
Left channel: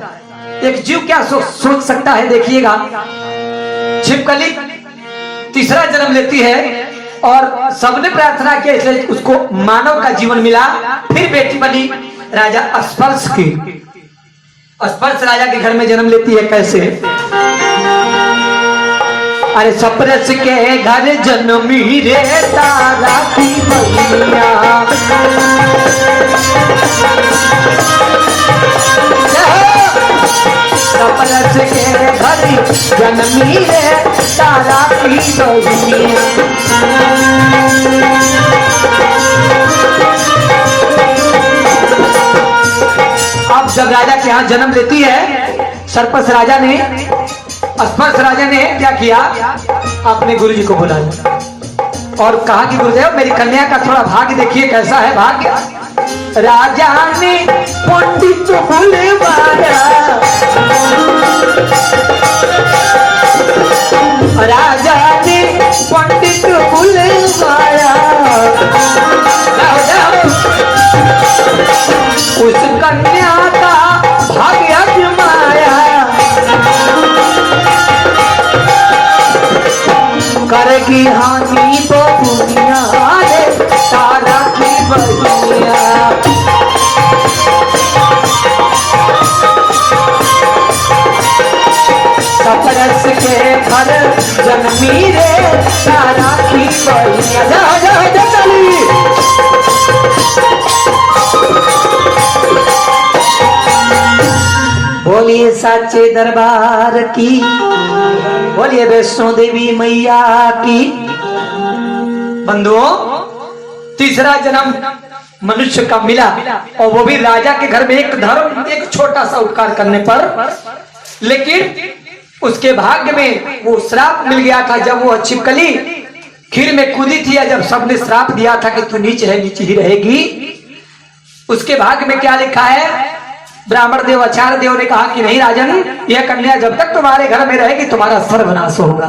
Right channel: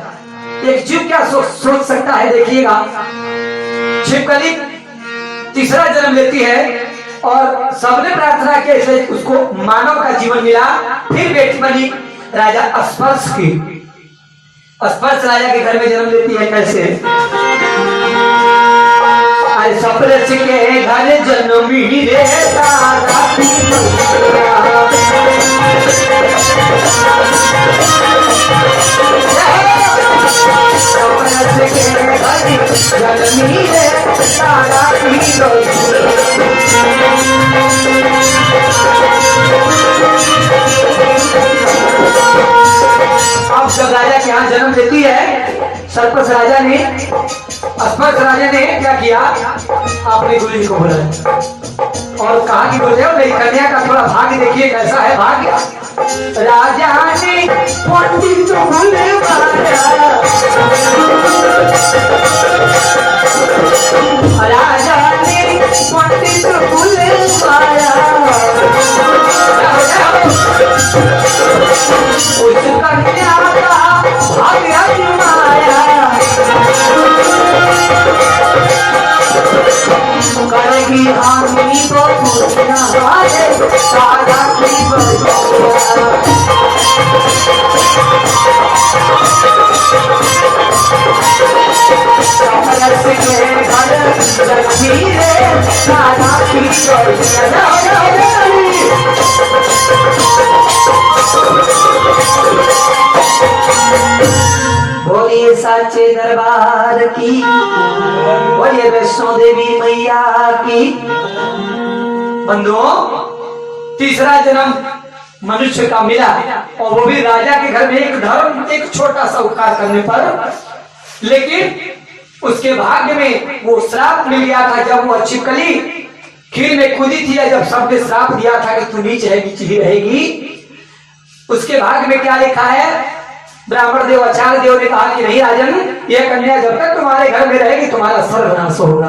एक जीव क्या सोच सकता है? देखिएगा, छिपकली तीसरा जन्म लेती है और सबने प्रार्थना की, इसलिए उसको मानव का जीवन मिला। फिर बेटी बनी राजा स्पर्श की। स्पर्श राजा के घर में जन्म लेती है। कैसे? अरे स्पर्श के घर जन्मी रे तारा की मैया, स्पर्श के घर जन्मी रे तारा की मैया। अब जब राजा के यहाँ जन्म लेती है, सर्पस राजा ने, स्पर्श राजा ने क्या किया, अपने गुरु जी को बुलाया और कहा कि गुरुदेव, मेरी कन्या का थोड़ा भाग्य देखिए, कैसा है भाग्य। राजा ने पंडित बुलवाया, राजा ने पंडित बुलवाया, उस कन्या का भाग्य अजमाया, करेगी हानि तो दुनिया वाले सारा की बलिया। स्पर्श के घर जन्मी रे सारा की बलिया। बोलिए साचे दरबार की, बोलिए वैष्णो देवी मैया की। बंधुओं, तीसरा जन्म मनुष्य का मिला और वो भी राजा के घर में एक धर्म, एक छोटा सा उपकार करने पर। लेकिन उसके भाग्य में वो श्राप मिल गया था। जब वो छिपकली खीर में कूदी थी, जब सबने श्राप दिया था कि तू नीच है, नीच ही रहेगी, उसके भाग्य में क्या लिखा है? ब्राह्मण देव, आचार्य देव ने कहा कि नहीं राजन, यह कन्या जब तक तुम्हारे घर में रहेगी तुम्हारा सर्वनाश होगा।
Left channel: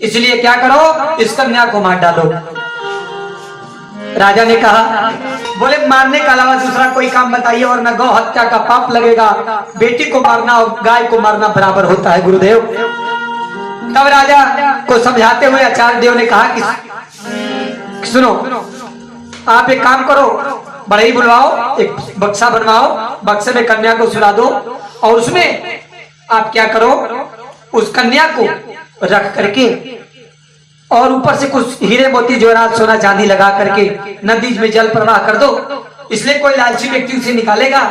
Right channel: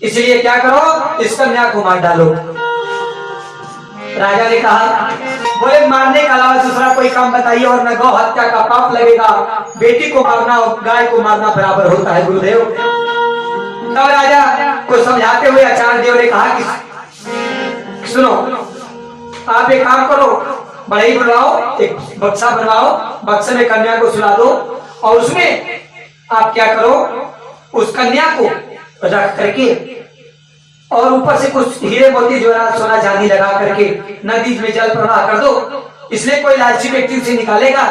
इसलिए क्या करो, इस कन्या को मार डालो। राजा ने कहा, बोले मारने के अलावा दूसरा कोई काम बताइए वरना गौ हत्या का पाप लगेगा। बेटी को मारना और गाय को मारना बराबर होता है गुरुदेव। तब राजा को समझाते हुए आचार्य देव ने कहा कि सुनो, आप एक काम करो, बढ़ई बनवाओ, एक बक्सा बनवाओ, बक्से में कन्या को सुला दो और उसमें आप क्या करो, उस कन्या को रख करके और ऊपर से कुछ हीरे मोती जवाहरात सोना चांदी लगा करके नदी में जल प्रवाह कर दो। इसलिए कोई लालची व्यक्ति उसे निकालेगा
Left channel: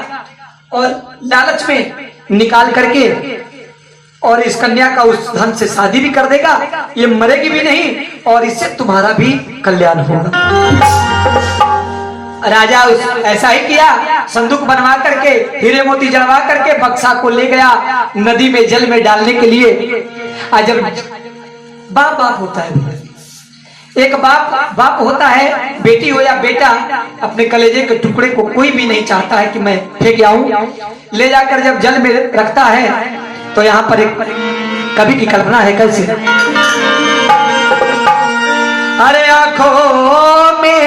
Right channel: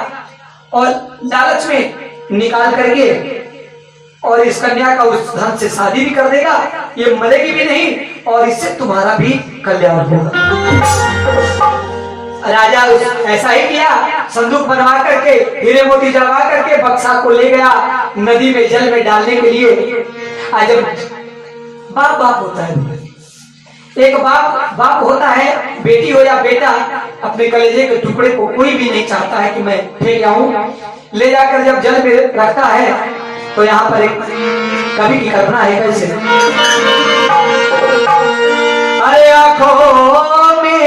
और लालच में निकाल करके और इस कन्या का उस धन से शादी भी कर देगा, ये मरेगी भी नहीं और इससे तुम्हारा भी कल्याण होगा। राजा ऐसा ही किया, संदूक बनवा करके हीरे मोती जड़वा करके बक्सा को ले गया नदी में जल में डालने के लिए। आज जब बाप बाप होता है, एक बाप होता है, बेटी हो या बेटा, अपने कलेजे के टुकड़े को कोई भी नहीं चाहता है कि मैं फेंक आऊं। ले जाकर जब जल में रखता है तो यहाँ पर एक कवि की कल्पना है कैसे, अरे आंखों में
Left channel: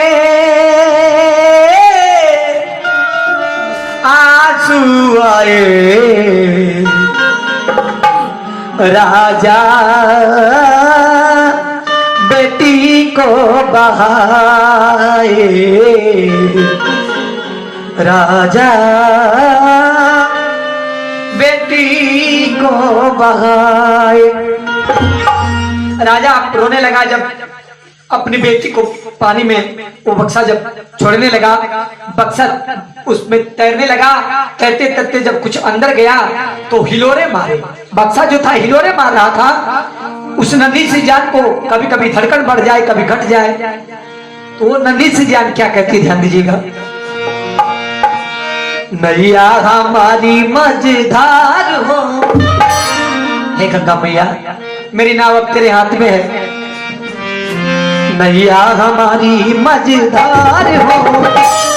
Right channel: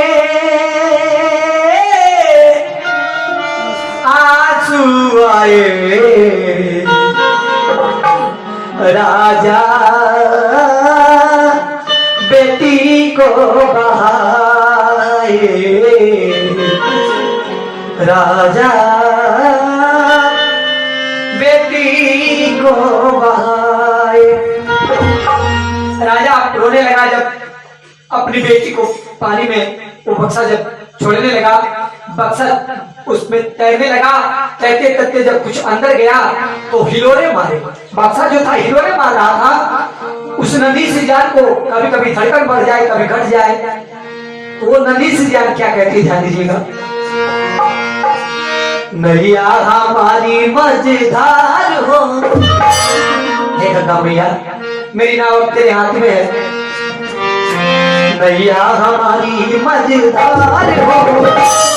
आंसू आए राजा बेटी को बहाए, राजा बेटी को बहाए। राजा रोने लगा जब अपनी बेटी को पानी में वो बक्सा जब छोड़ने लगा, बक्सा उसमें तैरने लगा। तैरते तैरते जब कुछ अंदर गया तो हिलोरे मारे, बक्सा जो था हिलोरे मार रहा था। उस नदी से जान को कभी कभी धड़कन बढ़ जाए, कभी घट जाए, तो वो नदी से जान क्या कहती है, ध्यान दीजिएगा। मैया हमारी मझधार हो, हे गंगा मैया मेरी नाव अब तेरे हाथ में है। मैया हमारी मझधार हो,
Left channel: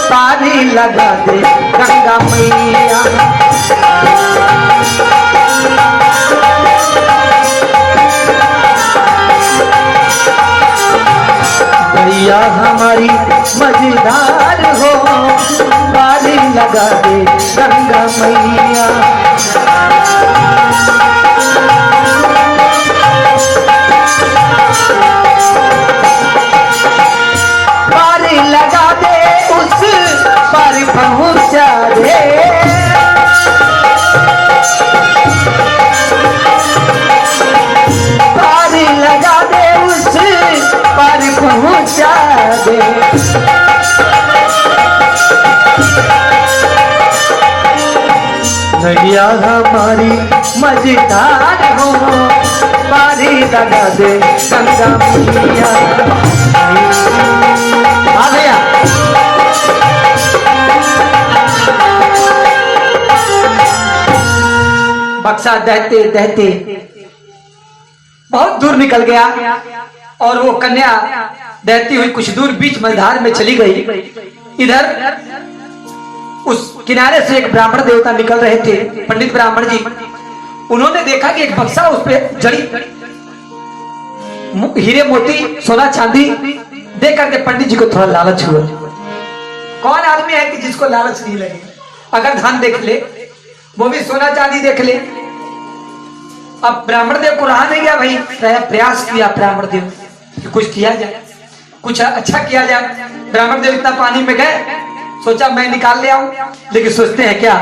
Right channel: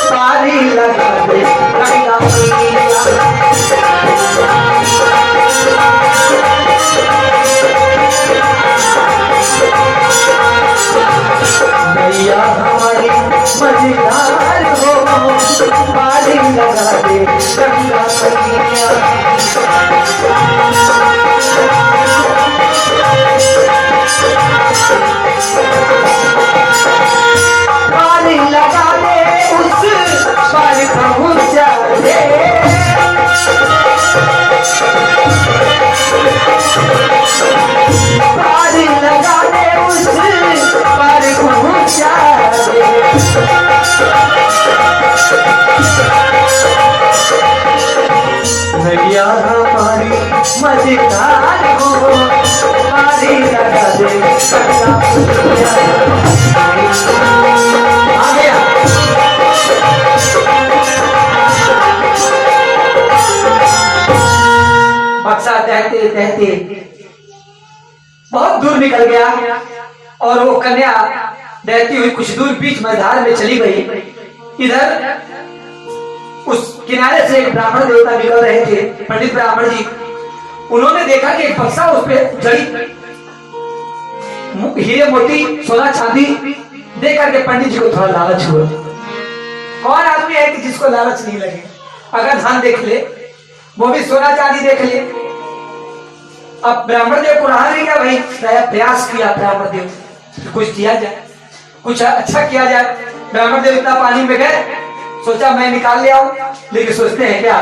पानी लगा दे गंगा मैया। मैया हमारी मझधार हो, पानी लगा दे गंगा मैया। पानी लगा दे उस पर पहुंचा दे, पानी लगा दे उस पर पहुंचा दे। मैया हमारी मझधार हो, पानी लगा दे गंगा मैया। बक्सा दहते दहते बहुत दूर निकल गया और वो कन्या दहती हुई कुछ दूर बीच मझधार में चली गई। इधर उस किनारे से एक ब्राह्मण देवता निकल रहे थे, पंडित ब्राह्मण जी। उन्होंने देखा कि एक बक्सा उस पे जड़ी हीरे मोती सोना चांदी देख करके पंडित जी को थोड़ा लालच हुआ। कौन आदमी है कि जिसको लालच नहीं लगे, अगर धन देख ले वो भी सोना चांदी देख ले। अब ब्राह्मण देव को रहा नहीं गया भाई, प्रयास किया ब्राह्मण देव कि कुछ किया जाए, कुछ अच्छा किया जाए। ब्राह्मण देव इतना पानी में गए, सोचा मैं निकाल ले आऊं, लेकिन सोचते हैं क्या,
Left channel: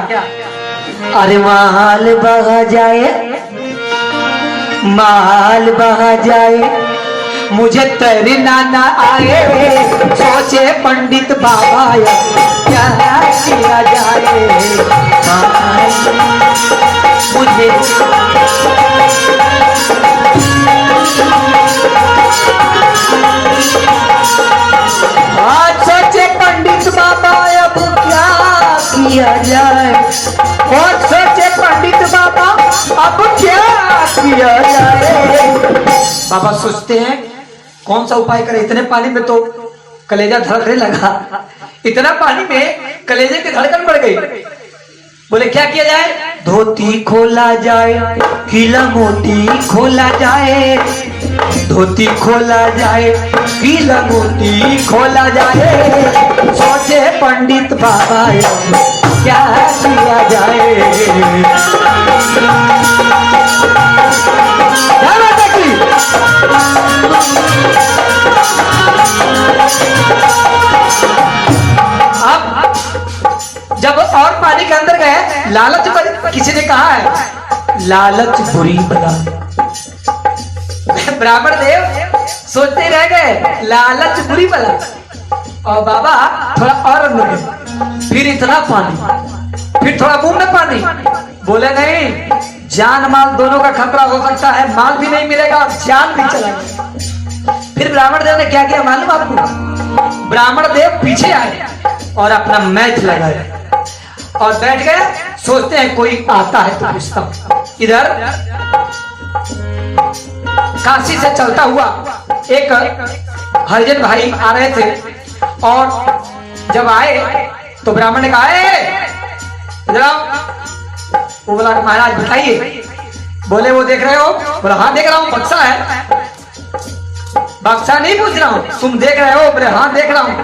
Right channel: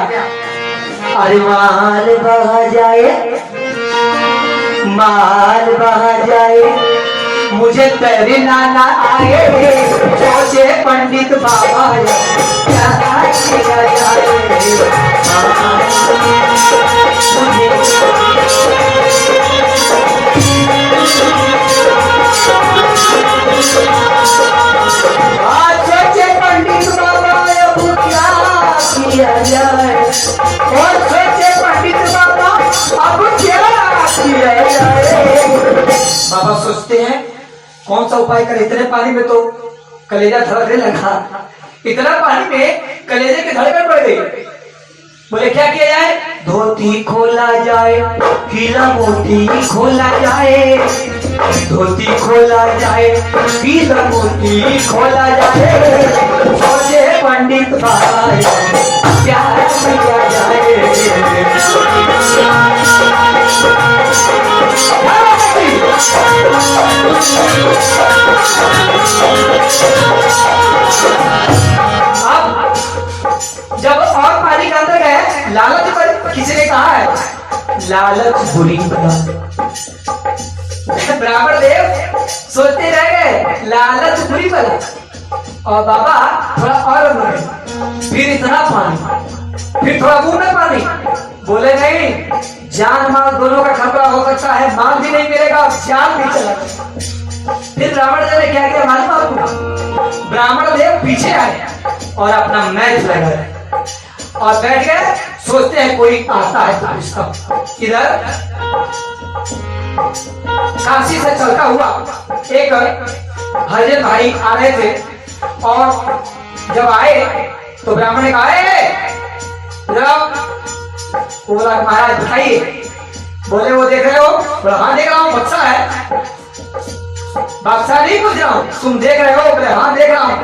अरे माल बह जाए, माल बह जाए, मुझे तैरना ना आए, सोचे पंडित बाबा क्या किया जाए। मुझे सोचे पंडित बाबा अब क्या किया जाए, और सोचे पंडित बाबा अब क्या किया जाए। बाबा सोचते हैं कौन सा उपाय करें, इतने पानी में तो कलेजा धड़कने लगा, इतना पानी में कलेजे की धड़कन बढ़ गई। बोले क्या किया जाए, धोती खोला जाए, हीरा मोती खोला जाए, धोती खोला जाए कि लंगोटी खोला जाए, सोचे पंडित बाबा क्या किया जाए। अब जब और पानी के अंदर गए, लालच पर किसी ने कहा है लालच बुरी बला। ब्राह्मण देव सोचते रह गए लालच बुरी बला, और बाबा थोड़ा और बोले, फिर इतना पानी, फिर थोड़ा बूंद पानी। बोले नहीं, जान माल दोनों का खतरा हो सकता है, माल भी नहीं मिलेगा और जान भी चला जाएगा। फिर ब्राह्मण देव ने क्या किया मालूम आपको? ब्राह्मण देव पीछे आए और अपना मैच लगाए और बैठ गए, सोचते हैं कोई आता है तो पूछता। इधर काशी से चलता हुआ एक हरिजन भाई आ रहे थे, और जब आए तो ब्राह्मण ने कहा वो बोला महाराज बताइए। बोले वो देख रहे हो? बोला हाँ देख रहा हूँ, बक्सा है। बक्सा नहीं पूछ रहा हूँ, तुम देख रहे हो? बोले हाँ देख रहा हूँ।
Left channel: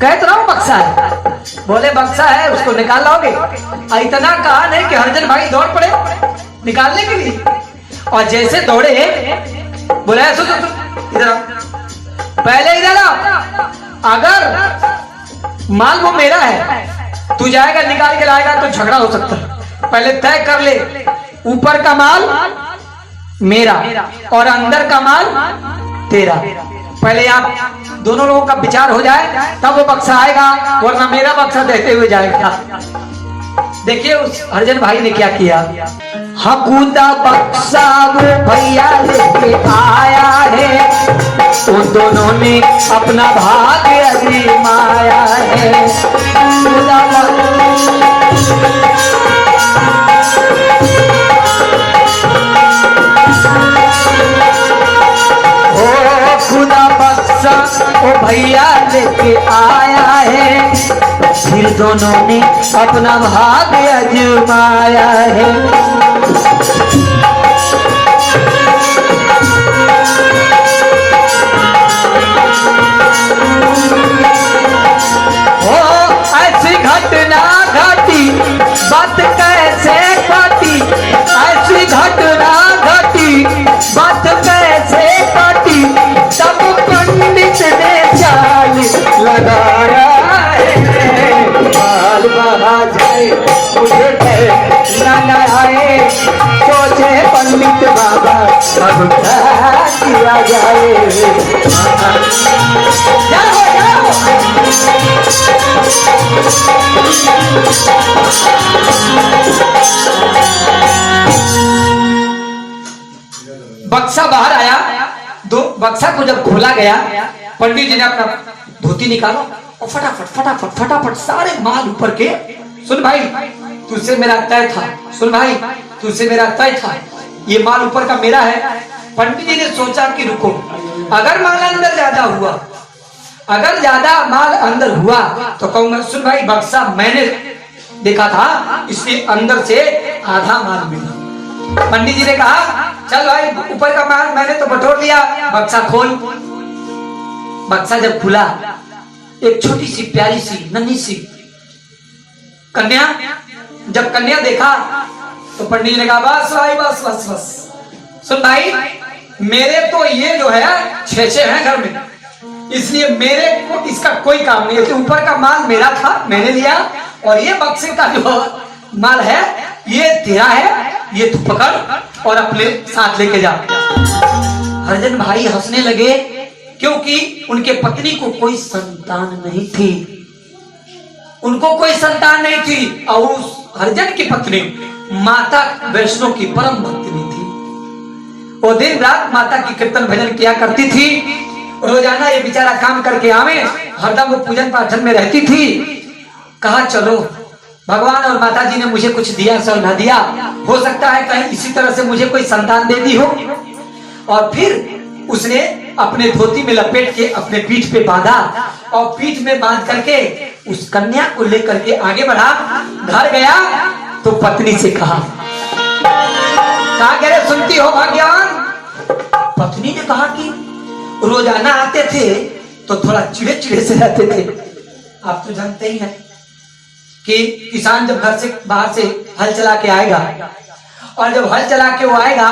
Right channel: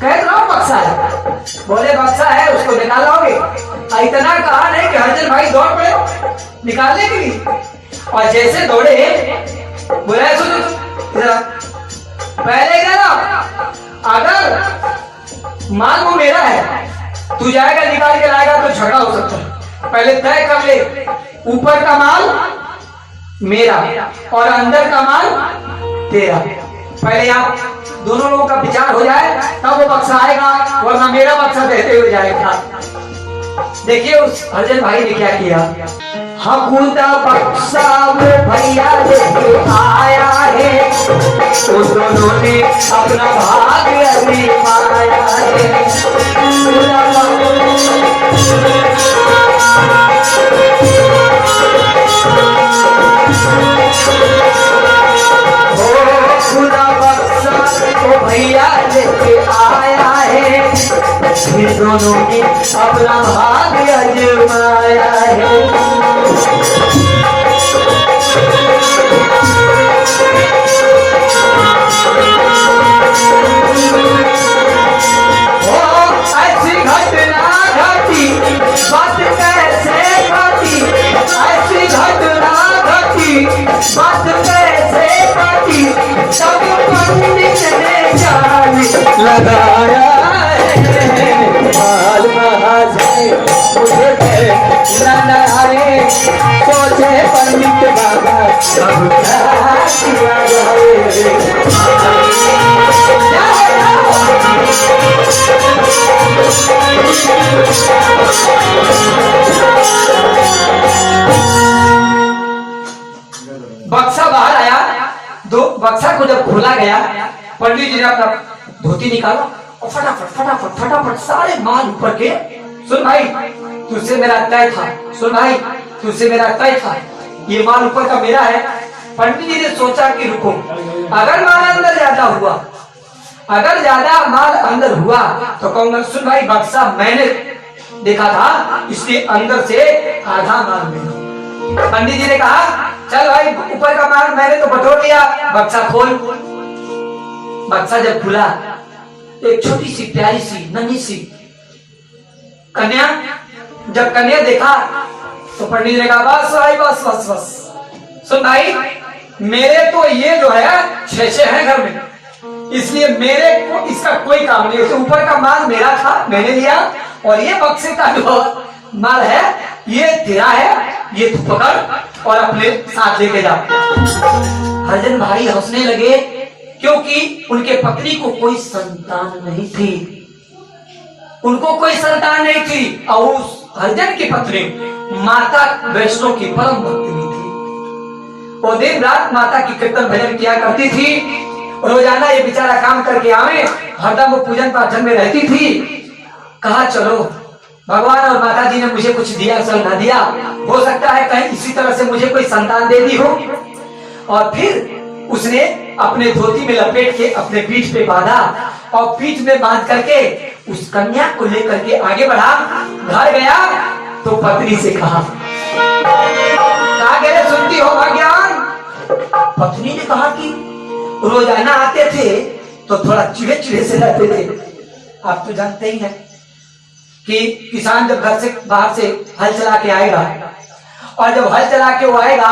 कह तो रहा हूँ बक्सा है। बोले बक्सा है, उसको निकाल लाओगे? इतना कहा नहीं कि हरिजन भाई दौड़ पड़े निकालने के लिए, और जैसे दौड़े बोले सुन इधर पहले इधर आओ, अगर माल वो मेरा है, तू जाएगा निकाल के लाएगा तो झगड़ा हो सकता है। पहले तय कर ले, ऊपर का माल मेरा और अंदर का माल तेरा। पहले आप दोनों लोगों का विचार हो जाए तब वो बक्सा आएगा, वरना मेरा बक्सा देते हुए जाएगा। देखिए उस हरिजन भाई ने क्या किया। हकूदा बक्सा वो भैया लेके आया है, उस दोनों ने अपना भाग्य आजमाया है। खुदा बक्सा वो भैया लेके आया है, फिर दोनों ने अपना भाग्य आजमाया है। ऐसी घटना घटी बात कैसे घटी, ऐसी घटना घटी बात कैसे घटी, तब पंडित ने चाल लगाया है। माल बहा जाए मुझे न आए, सोचे पंडित बाबा अब क्या किया जाए। बक्सा बाहर आया, दो बक्सा को जब खोला गया, पंडित जी ने अपना धोती निकाला और फटाफट फटाफट फटाफट सारे माल ऊपर के। सुन भाई तुझसे मेरा तय था, सुन भाई तुझसे मेरा तय था, ये माल ऊपर का मेरा है। पंडित जी ने सोचा कि रुको, अगर माल अंदर ज्यादा हुआ, अगर ज्यादा माल अंदर हुआ तो कहूंगा सुन भाई बक्सा मैंने देखा था, इसलिए अंदर से आधा माल मिला। पंडित जी ने कहा चल भाई ऊपर का माल मैंने तो बटोर लिया, बक्सा खोल। बक्सा जब खुला, एक छोटी सी प्यारी सी नन्ही सी कन्या, जब कन्या देखा तो पंडित जी ने कहा बस भाई बस बस बस। सुन भाई मेरे तो ये जो है 6 हैं घर में, इसलिए मेरे को इसका कोई काम नहीं है। ऊपर का माल मेरा था, मैंने लिया, और ये बक्से का जो माल है ये तेरा है, ये तू पकड़ और अपने साथ लेके जा। हरिजन भाई हंसने लगे क्योंकि उनके पत्नी को कोई संतान नहीं थी, उनको कोई संतान नहीं थी, और उस हरिजन की पत्नी माता वैष्णो की परम भक्तिनी थी। वो दिन रात माता की कीर्तन भजन किया करती थी, रोजाना ये बेचारा काम करके आवे, हरदम वो पूजन पाठन में रहती थी। कहा चलो भगवान और माता जी ने मुझे कुछ दिया सब न दिया, हो सकता है कहीं इसी तरह से मुझे कोई संतान दे दी हो। और फिर उसने अपने धोती में लपेट के अपने पीठ पे बांधा, और पीठ में बांध करके उस कन्या को लेकर के आगे बढ़ा। घर गया तो पत्नी से कहा कह रहे सुनती हो भाग्यवान, रोजाना आते थे तो थोड़ा चिड़े चिड़े से रहते थे। आप तो जानते ही हैं कि किसान जब घर से बाहर से हल चला के आएगा और जब हल चला के वो आएगा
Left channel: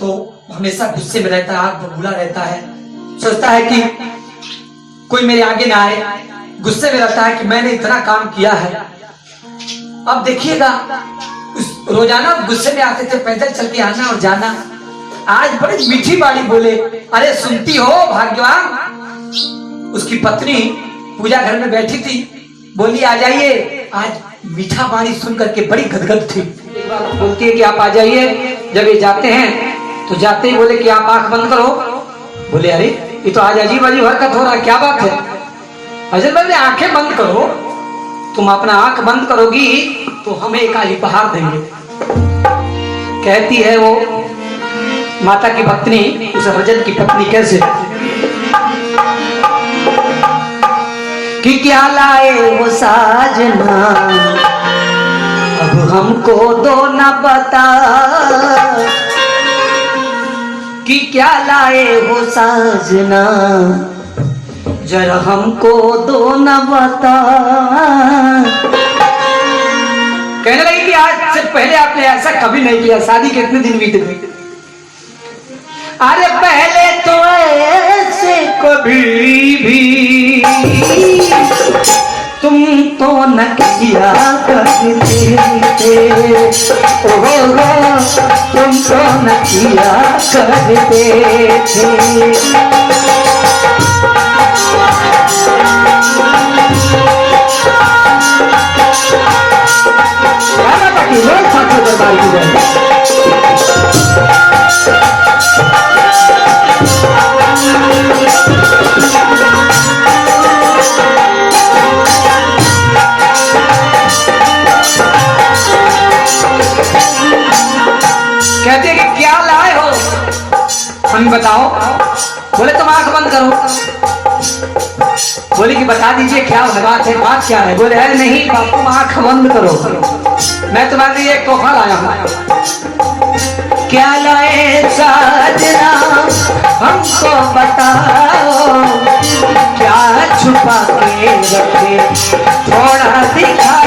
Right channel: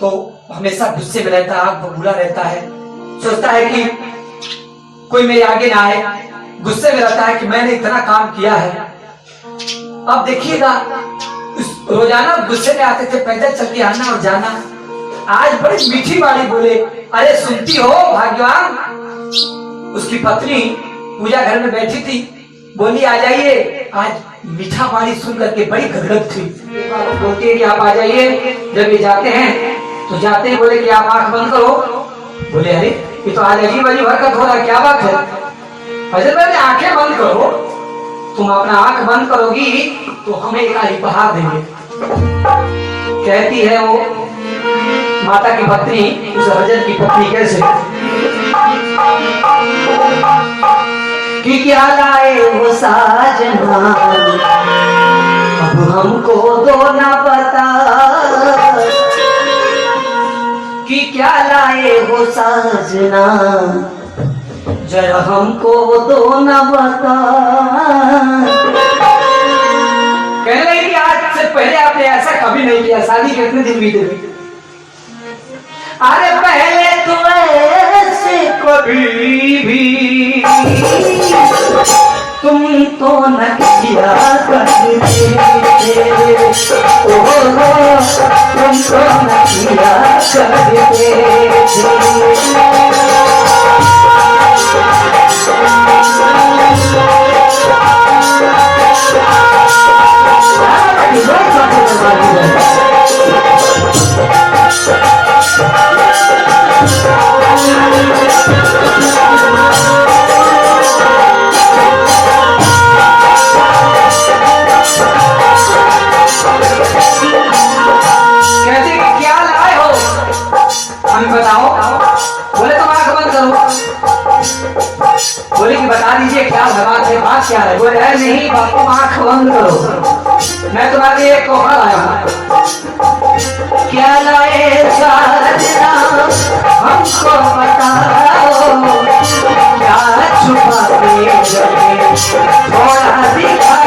तो हमेशा गुस्से में रहता है, आग बबूला रहता है, सोचता है कि कोई मेरे आगे ना आए, गुस्से में रहता है कि मैंने इतना काम किया है। अब देखिएगा रोजाना गुस्से में आते थे, पैदल चल के आना और जाना। आज बड़ी मीठी वाली बोले, अरे सुनती हो भाग्यवान। उसकी पत्नी पूजा घर में बैठी थी, बोली आ जाइए। आज मीठा वाणी सुन करके बड़ी गदगद थी। बोलती है कि आप आ जाइए। जब ये जाते हैं तो जाते ही बोले कि आप आंख बंद करो। बोले अरे ये तो आज अजीब अजीब हरकत हो रहा है, क्या बात है? हजरत भाई आंखें बंद करो, तुम अपना आंख बंद करोगी तो हमें एक उपहार देंगे। कहती है वो माता की पत्नी उस हजरत की पत्नी कैसे कि क्या लाए वो साजना अब हमको दो न बता, कि क्या लाए हो साजना जरा हमको दो न बता। कहने लगी कि आज से पहले आपने ऐसा कभी नहीं किया, शादी के कितने दिन बीते हुए? अरे पहले तो ऐसे कभी भी तुम तो न किया करते थे, तुम तो न किया करते थे। कहते कि क्या लाए हो, हमें बताओ। बोले तुम आंख बंद करो। बोले कि बता दीजिए क्या बात है, बात क्या है? बोले है नहीं बापू आंख बंद करो, मैं तुम्हारे लिए एक तोहफा लाया हूं। क्या लाए साजना हमको बताओ, क्या छुपा के रखे थोड़ा दिखाओ।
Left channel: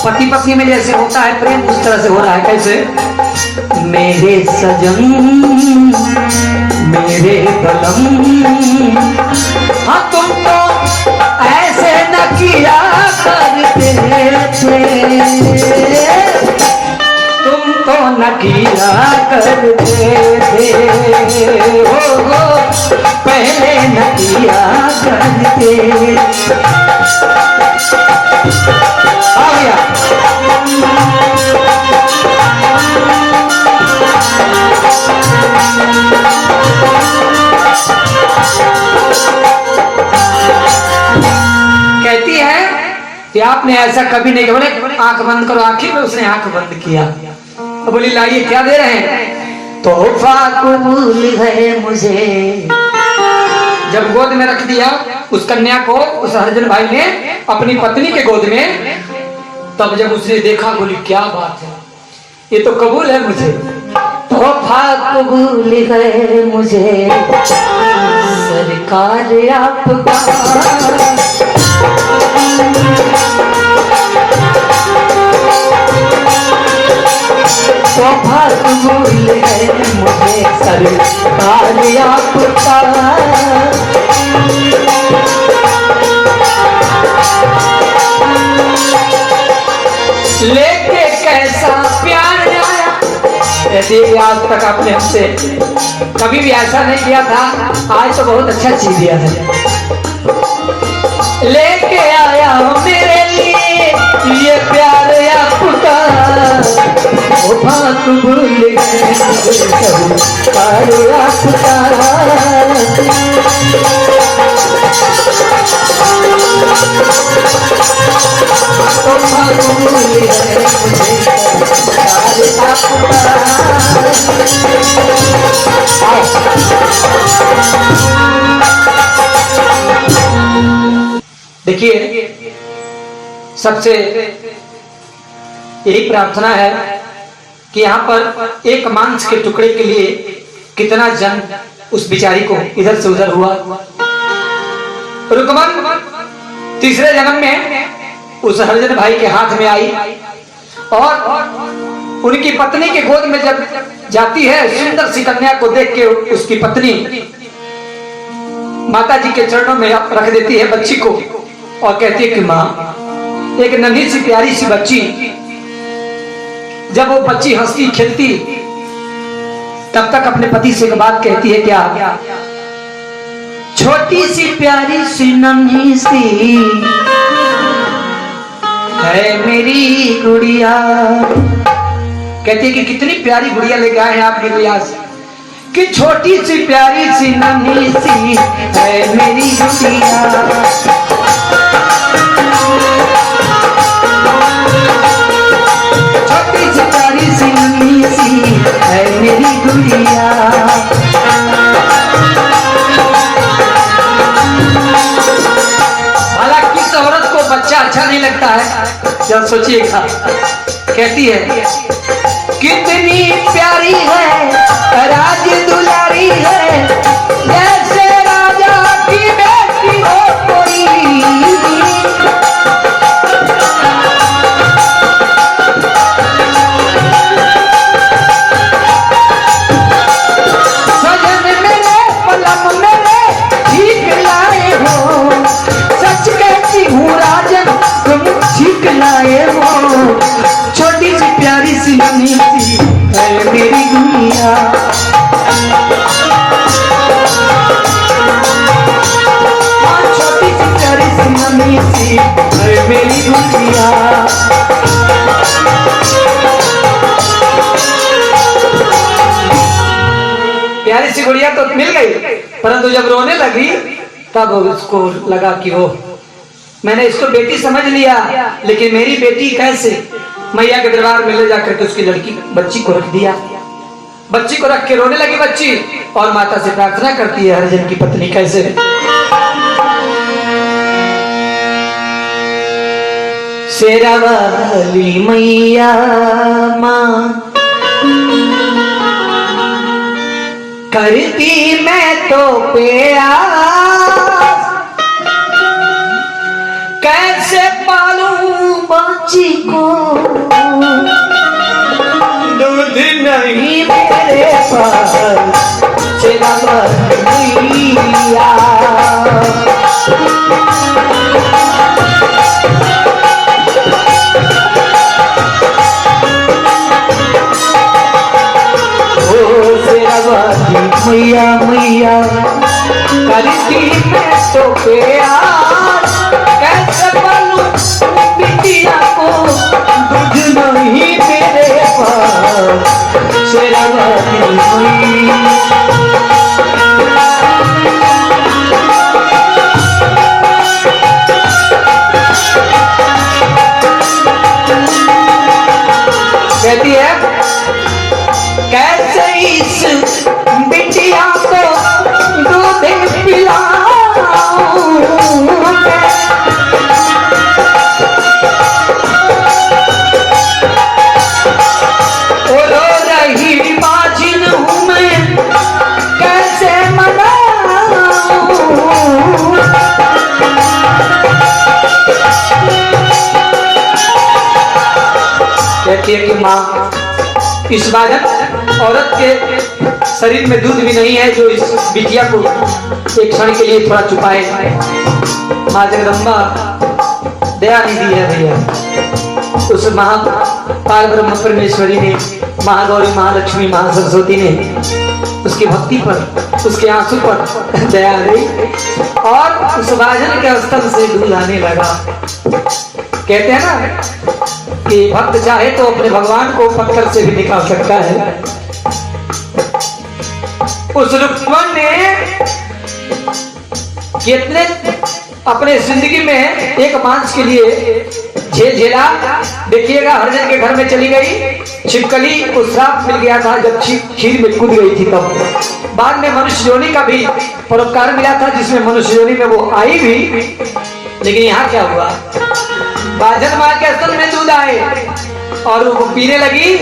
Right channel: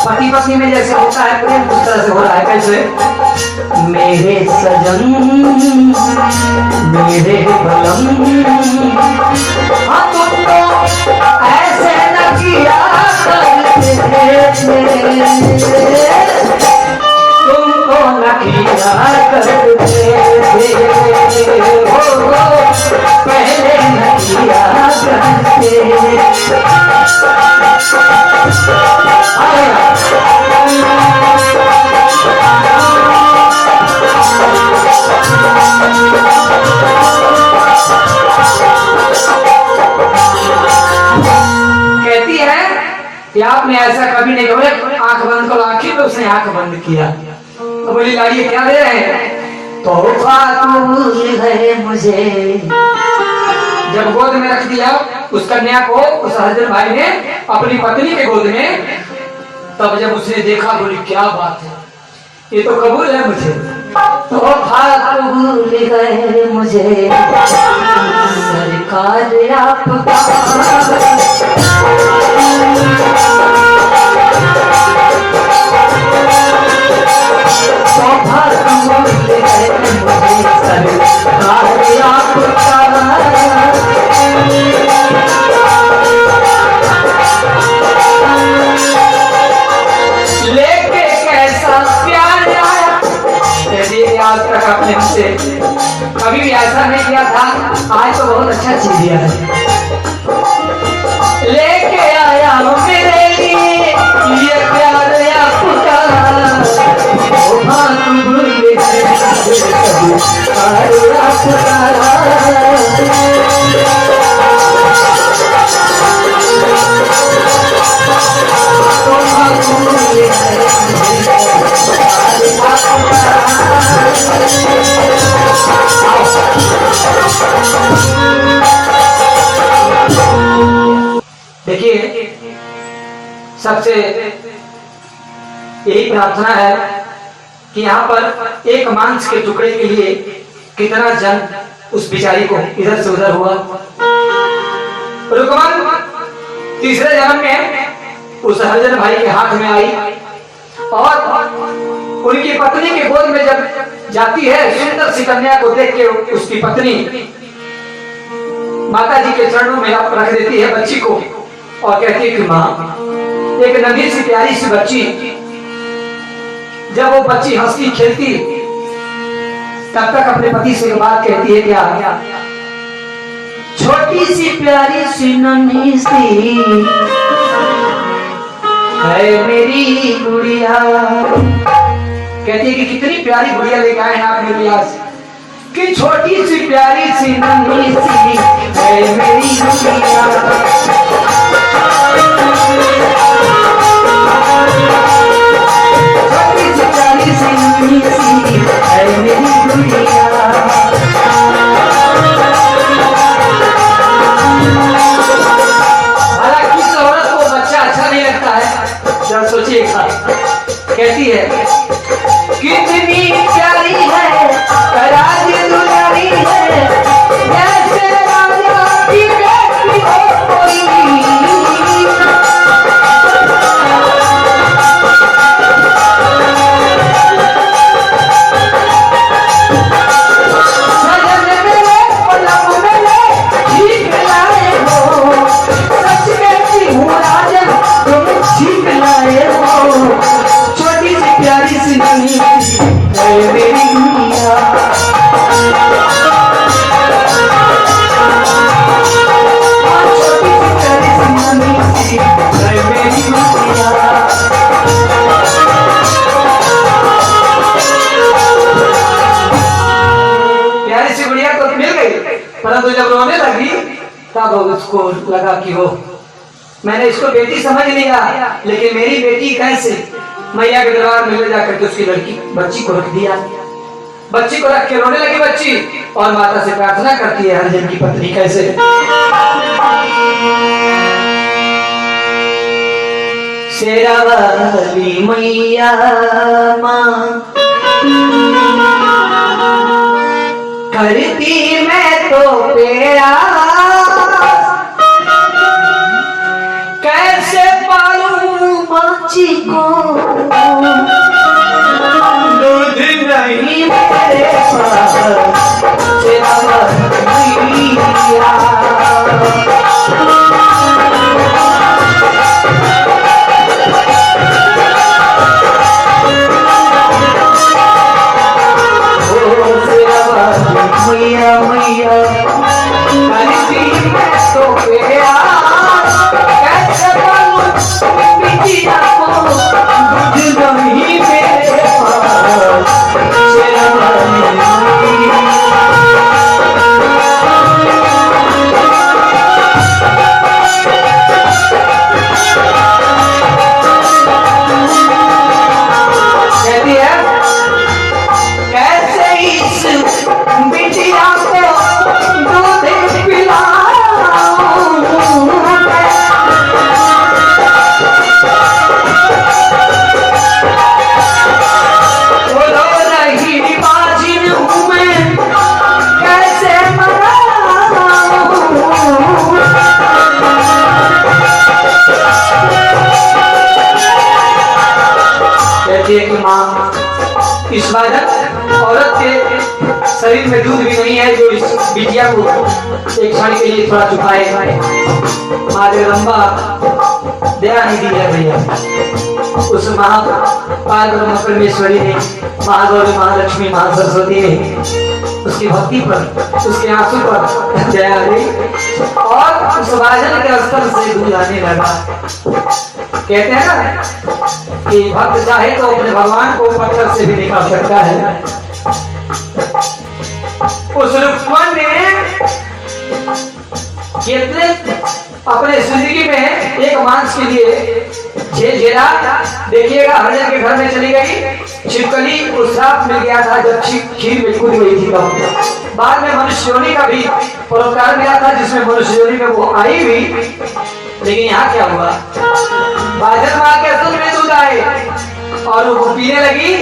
पति पत्नी में जैसे होता है प्रेम उस तरह से हो रहा है। कैसे? मेरे सजन मेरे बलम, हाँ तुम तो ऐसे न किया करते थे, तुम तो न किया करते थे, हो पहले न किया करते। कहती है कि आपने ऐसा कभी नहीं किया। आंख बंद करो, आखिर में उसने आंख बंद किया। तो बोली लाइए क्या दे रहे हैं? तोहफा कबूल है मुझे। जब गोद में रख दिया उस कन्या को उस हजरत भाई ने अपनी पत्नी के गोद में, तब जब उसने देखा बोली क्या बात है, ये तो कबूल है मुझे। तोहफा कबूल है मुझे सरकार आपका, तोहफा कबूल है मुझे सरकार आपका। लेके कैसा प्यार लाया, यदि आज तक आपने हमसे कभी भी ऐसा नहीं किया था, आज तो बहुत अच्छा चीज दिया है। लेके आया मेरे लिए ये प्यार आपका, बात भूल सबसे यही प्रार्थना है कि यहाँ पर एक मांस के टुकड़े के लिए कितना जन उस बिचारी को इधर से उधर हुआ। रुकमत तीसरे जन्म में उस हरिजन भाई के हाथ में आई और उनकी पत्नी के गोद में जब जाती है, सुंदर सी कन्या को देख के उसकी पत्नी माता जी के चरणों में रख देती है बच्ची को और कहती है कि माँ, एक नन्ही सी प्यारी सी बच्ची, जब वो बच्ची हंसती खेलती तब तक अपने पति से एक बात कहती है, क्या? छोटी सी प्यारी सी नन्ही सी है मेरी गुड़िया। कहती है कि कितनी प्यारी गुड़िया लेके आए हैं आप मेरे पास, कि छोटी सी प्यारी सी नन्ही सी है मेरी गुड़िया। छोटी सी प्यारी सी नन्ही सी है मेरी गुड़िया। हालांकि इस औरत को बच्चा अच्छा नहीं लगता है, जब सोचिएगा, कहती है कितनी प्यारी है, राज दुलारी है, जैसे राजा की बेटी हो कोई। सजन मेरे पलक मेरे ठीक लाए हो, सच कहती हूँ राजा तुम ठीक लाए हो। छोटी सी प्यारी सी नन्ही सी है मेरी गुड़िया। छोटी सी प्यारी सी नन्ही सी है मेरी गुड़िया। प्यारी सी गुड़िया तो मिल गई, परंतु जब रोने लगी तब उसको लगा कि वो मैंने इसको बेटी समझ लिया, लेकिन मेरी बेटी कैसे? मैया के दरबार में ले जाकर के उसकी बच्ची को रख दिया। बच्ची को रख के रोने लगी बच्ची और माता से प्रार्थना करती है हरिजन की पत्नी कैसे? शेरावाली मैया माँ करती मैं तो प्यास, कैसे पालूं बच्ची को, दूध नहीं मेरे पास। शेरावाली मैया मैया मैया करती मैं तो प्यास, कैसे पालूं बिटिया को, दूध नहीं मेरे पास। शेरावाली मैया कहती है कैसे इस बिटिया को दूध पिलाऊं, रो रही बाजिन हूँ मैं कैसे मनाऊं। कहती है कि माँ, इस बादल औरत के शरीर में दूध भी नहीं है जो इस बिटिया को एक क्षण के लिए थोड़ा चुपाए। माँ जगदम्बा दया निधि है भैया, उस महाकाल ब्रह्म परमेश्वरी ने, महागौरी, महालक्ष्मी, महासरस्वती ने उसकी भक्ति पर, उसके आंसू पर दया दी और उस राजन के स्थल से दूध आने लगा। कहते हैं ना कि भक्त चाहे तो अपने भगवान को पत्थर से भी दिखा सकता है। उस रुक्मन ने कितने अपने जिंदगी में एक मांस के लिए झेला। देखिएगा हरिजन के घर में चली गई, छिपकली को श्राप मिल गया था जब खीर में कूद गई थी। तब बाद में मनुष्य योनि का भी पुरस्कार मिला था जिसमें मनुष्य योनि में वो आई भी। लेकिन यहाँ क्या हुआ, बाजन माँ के स्तन में दूध आए और वो पीने लगी।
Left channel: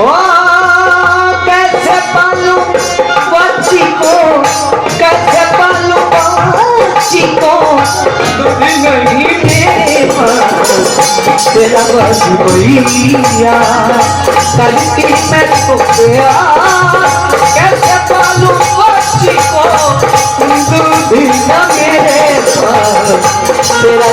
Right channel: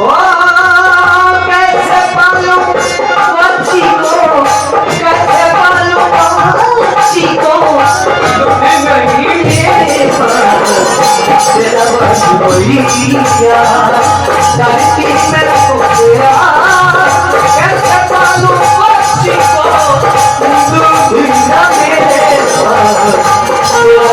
ओ कैसे पालू बच्ची को, कैसे पालू बच्ची को, दूध नहीं मेरे पास तेरा बस भैया धरती में तो गया। कैसे पालू बच्ची को, दूध नहीं मेरे पास तेरा।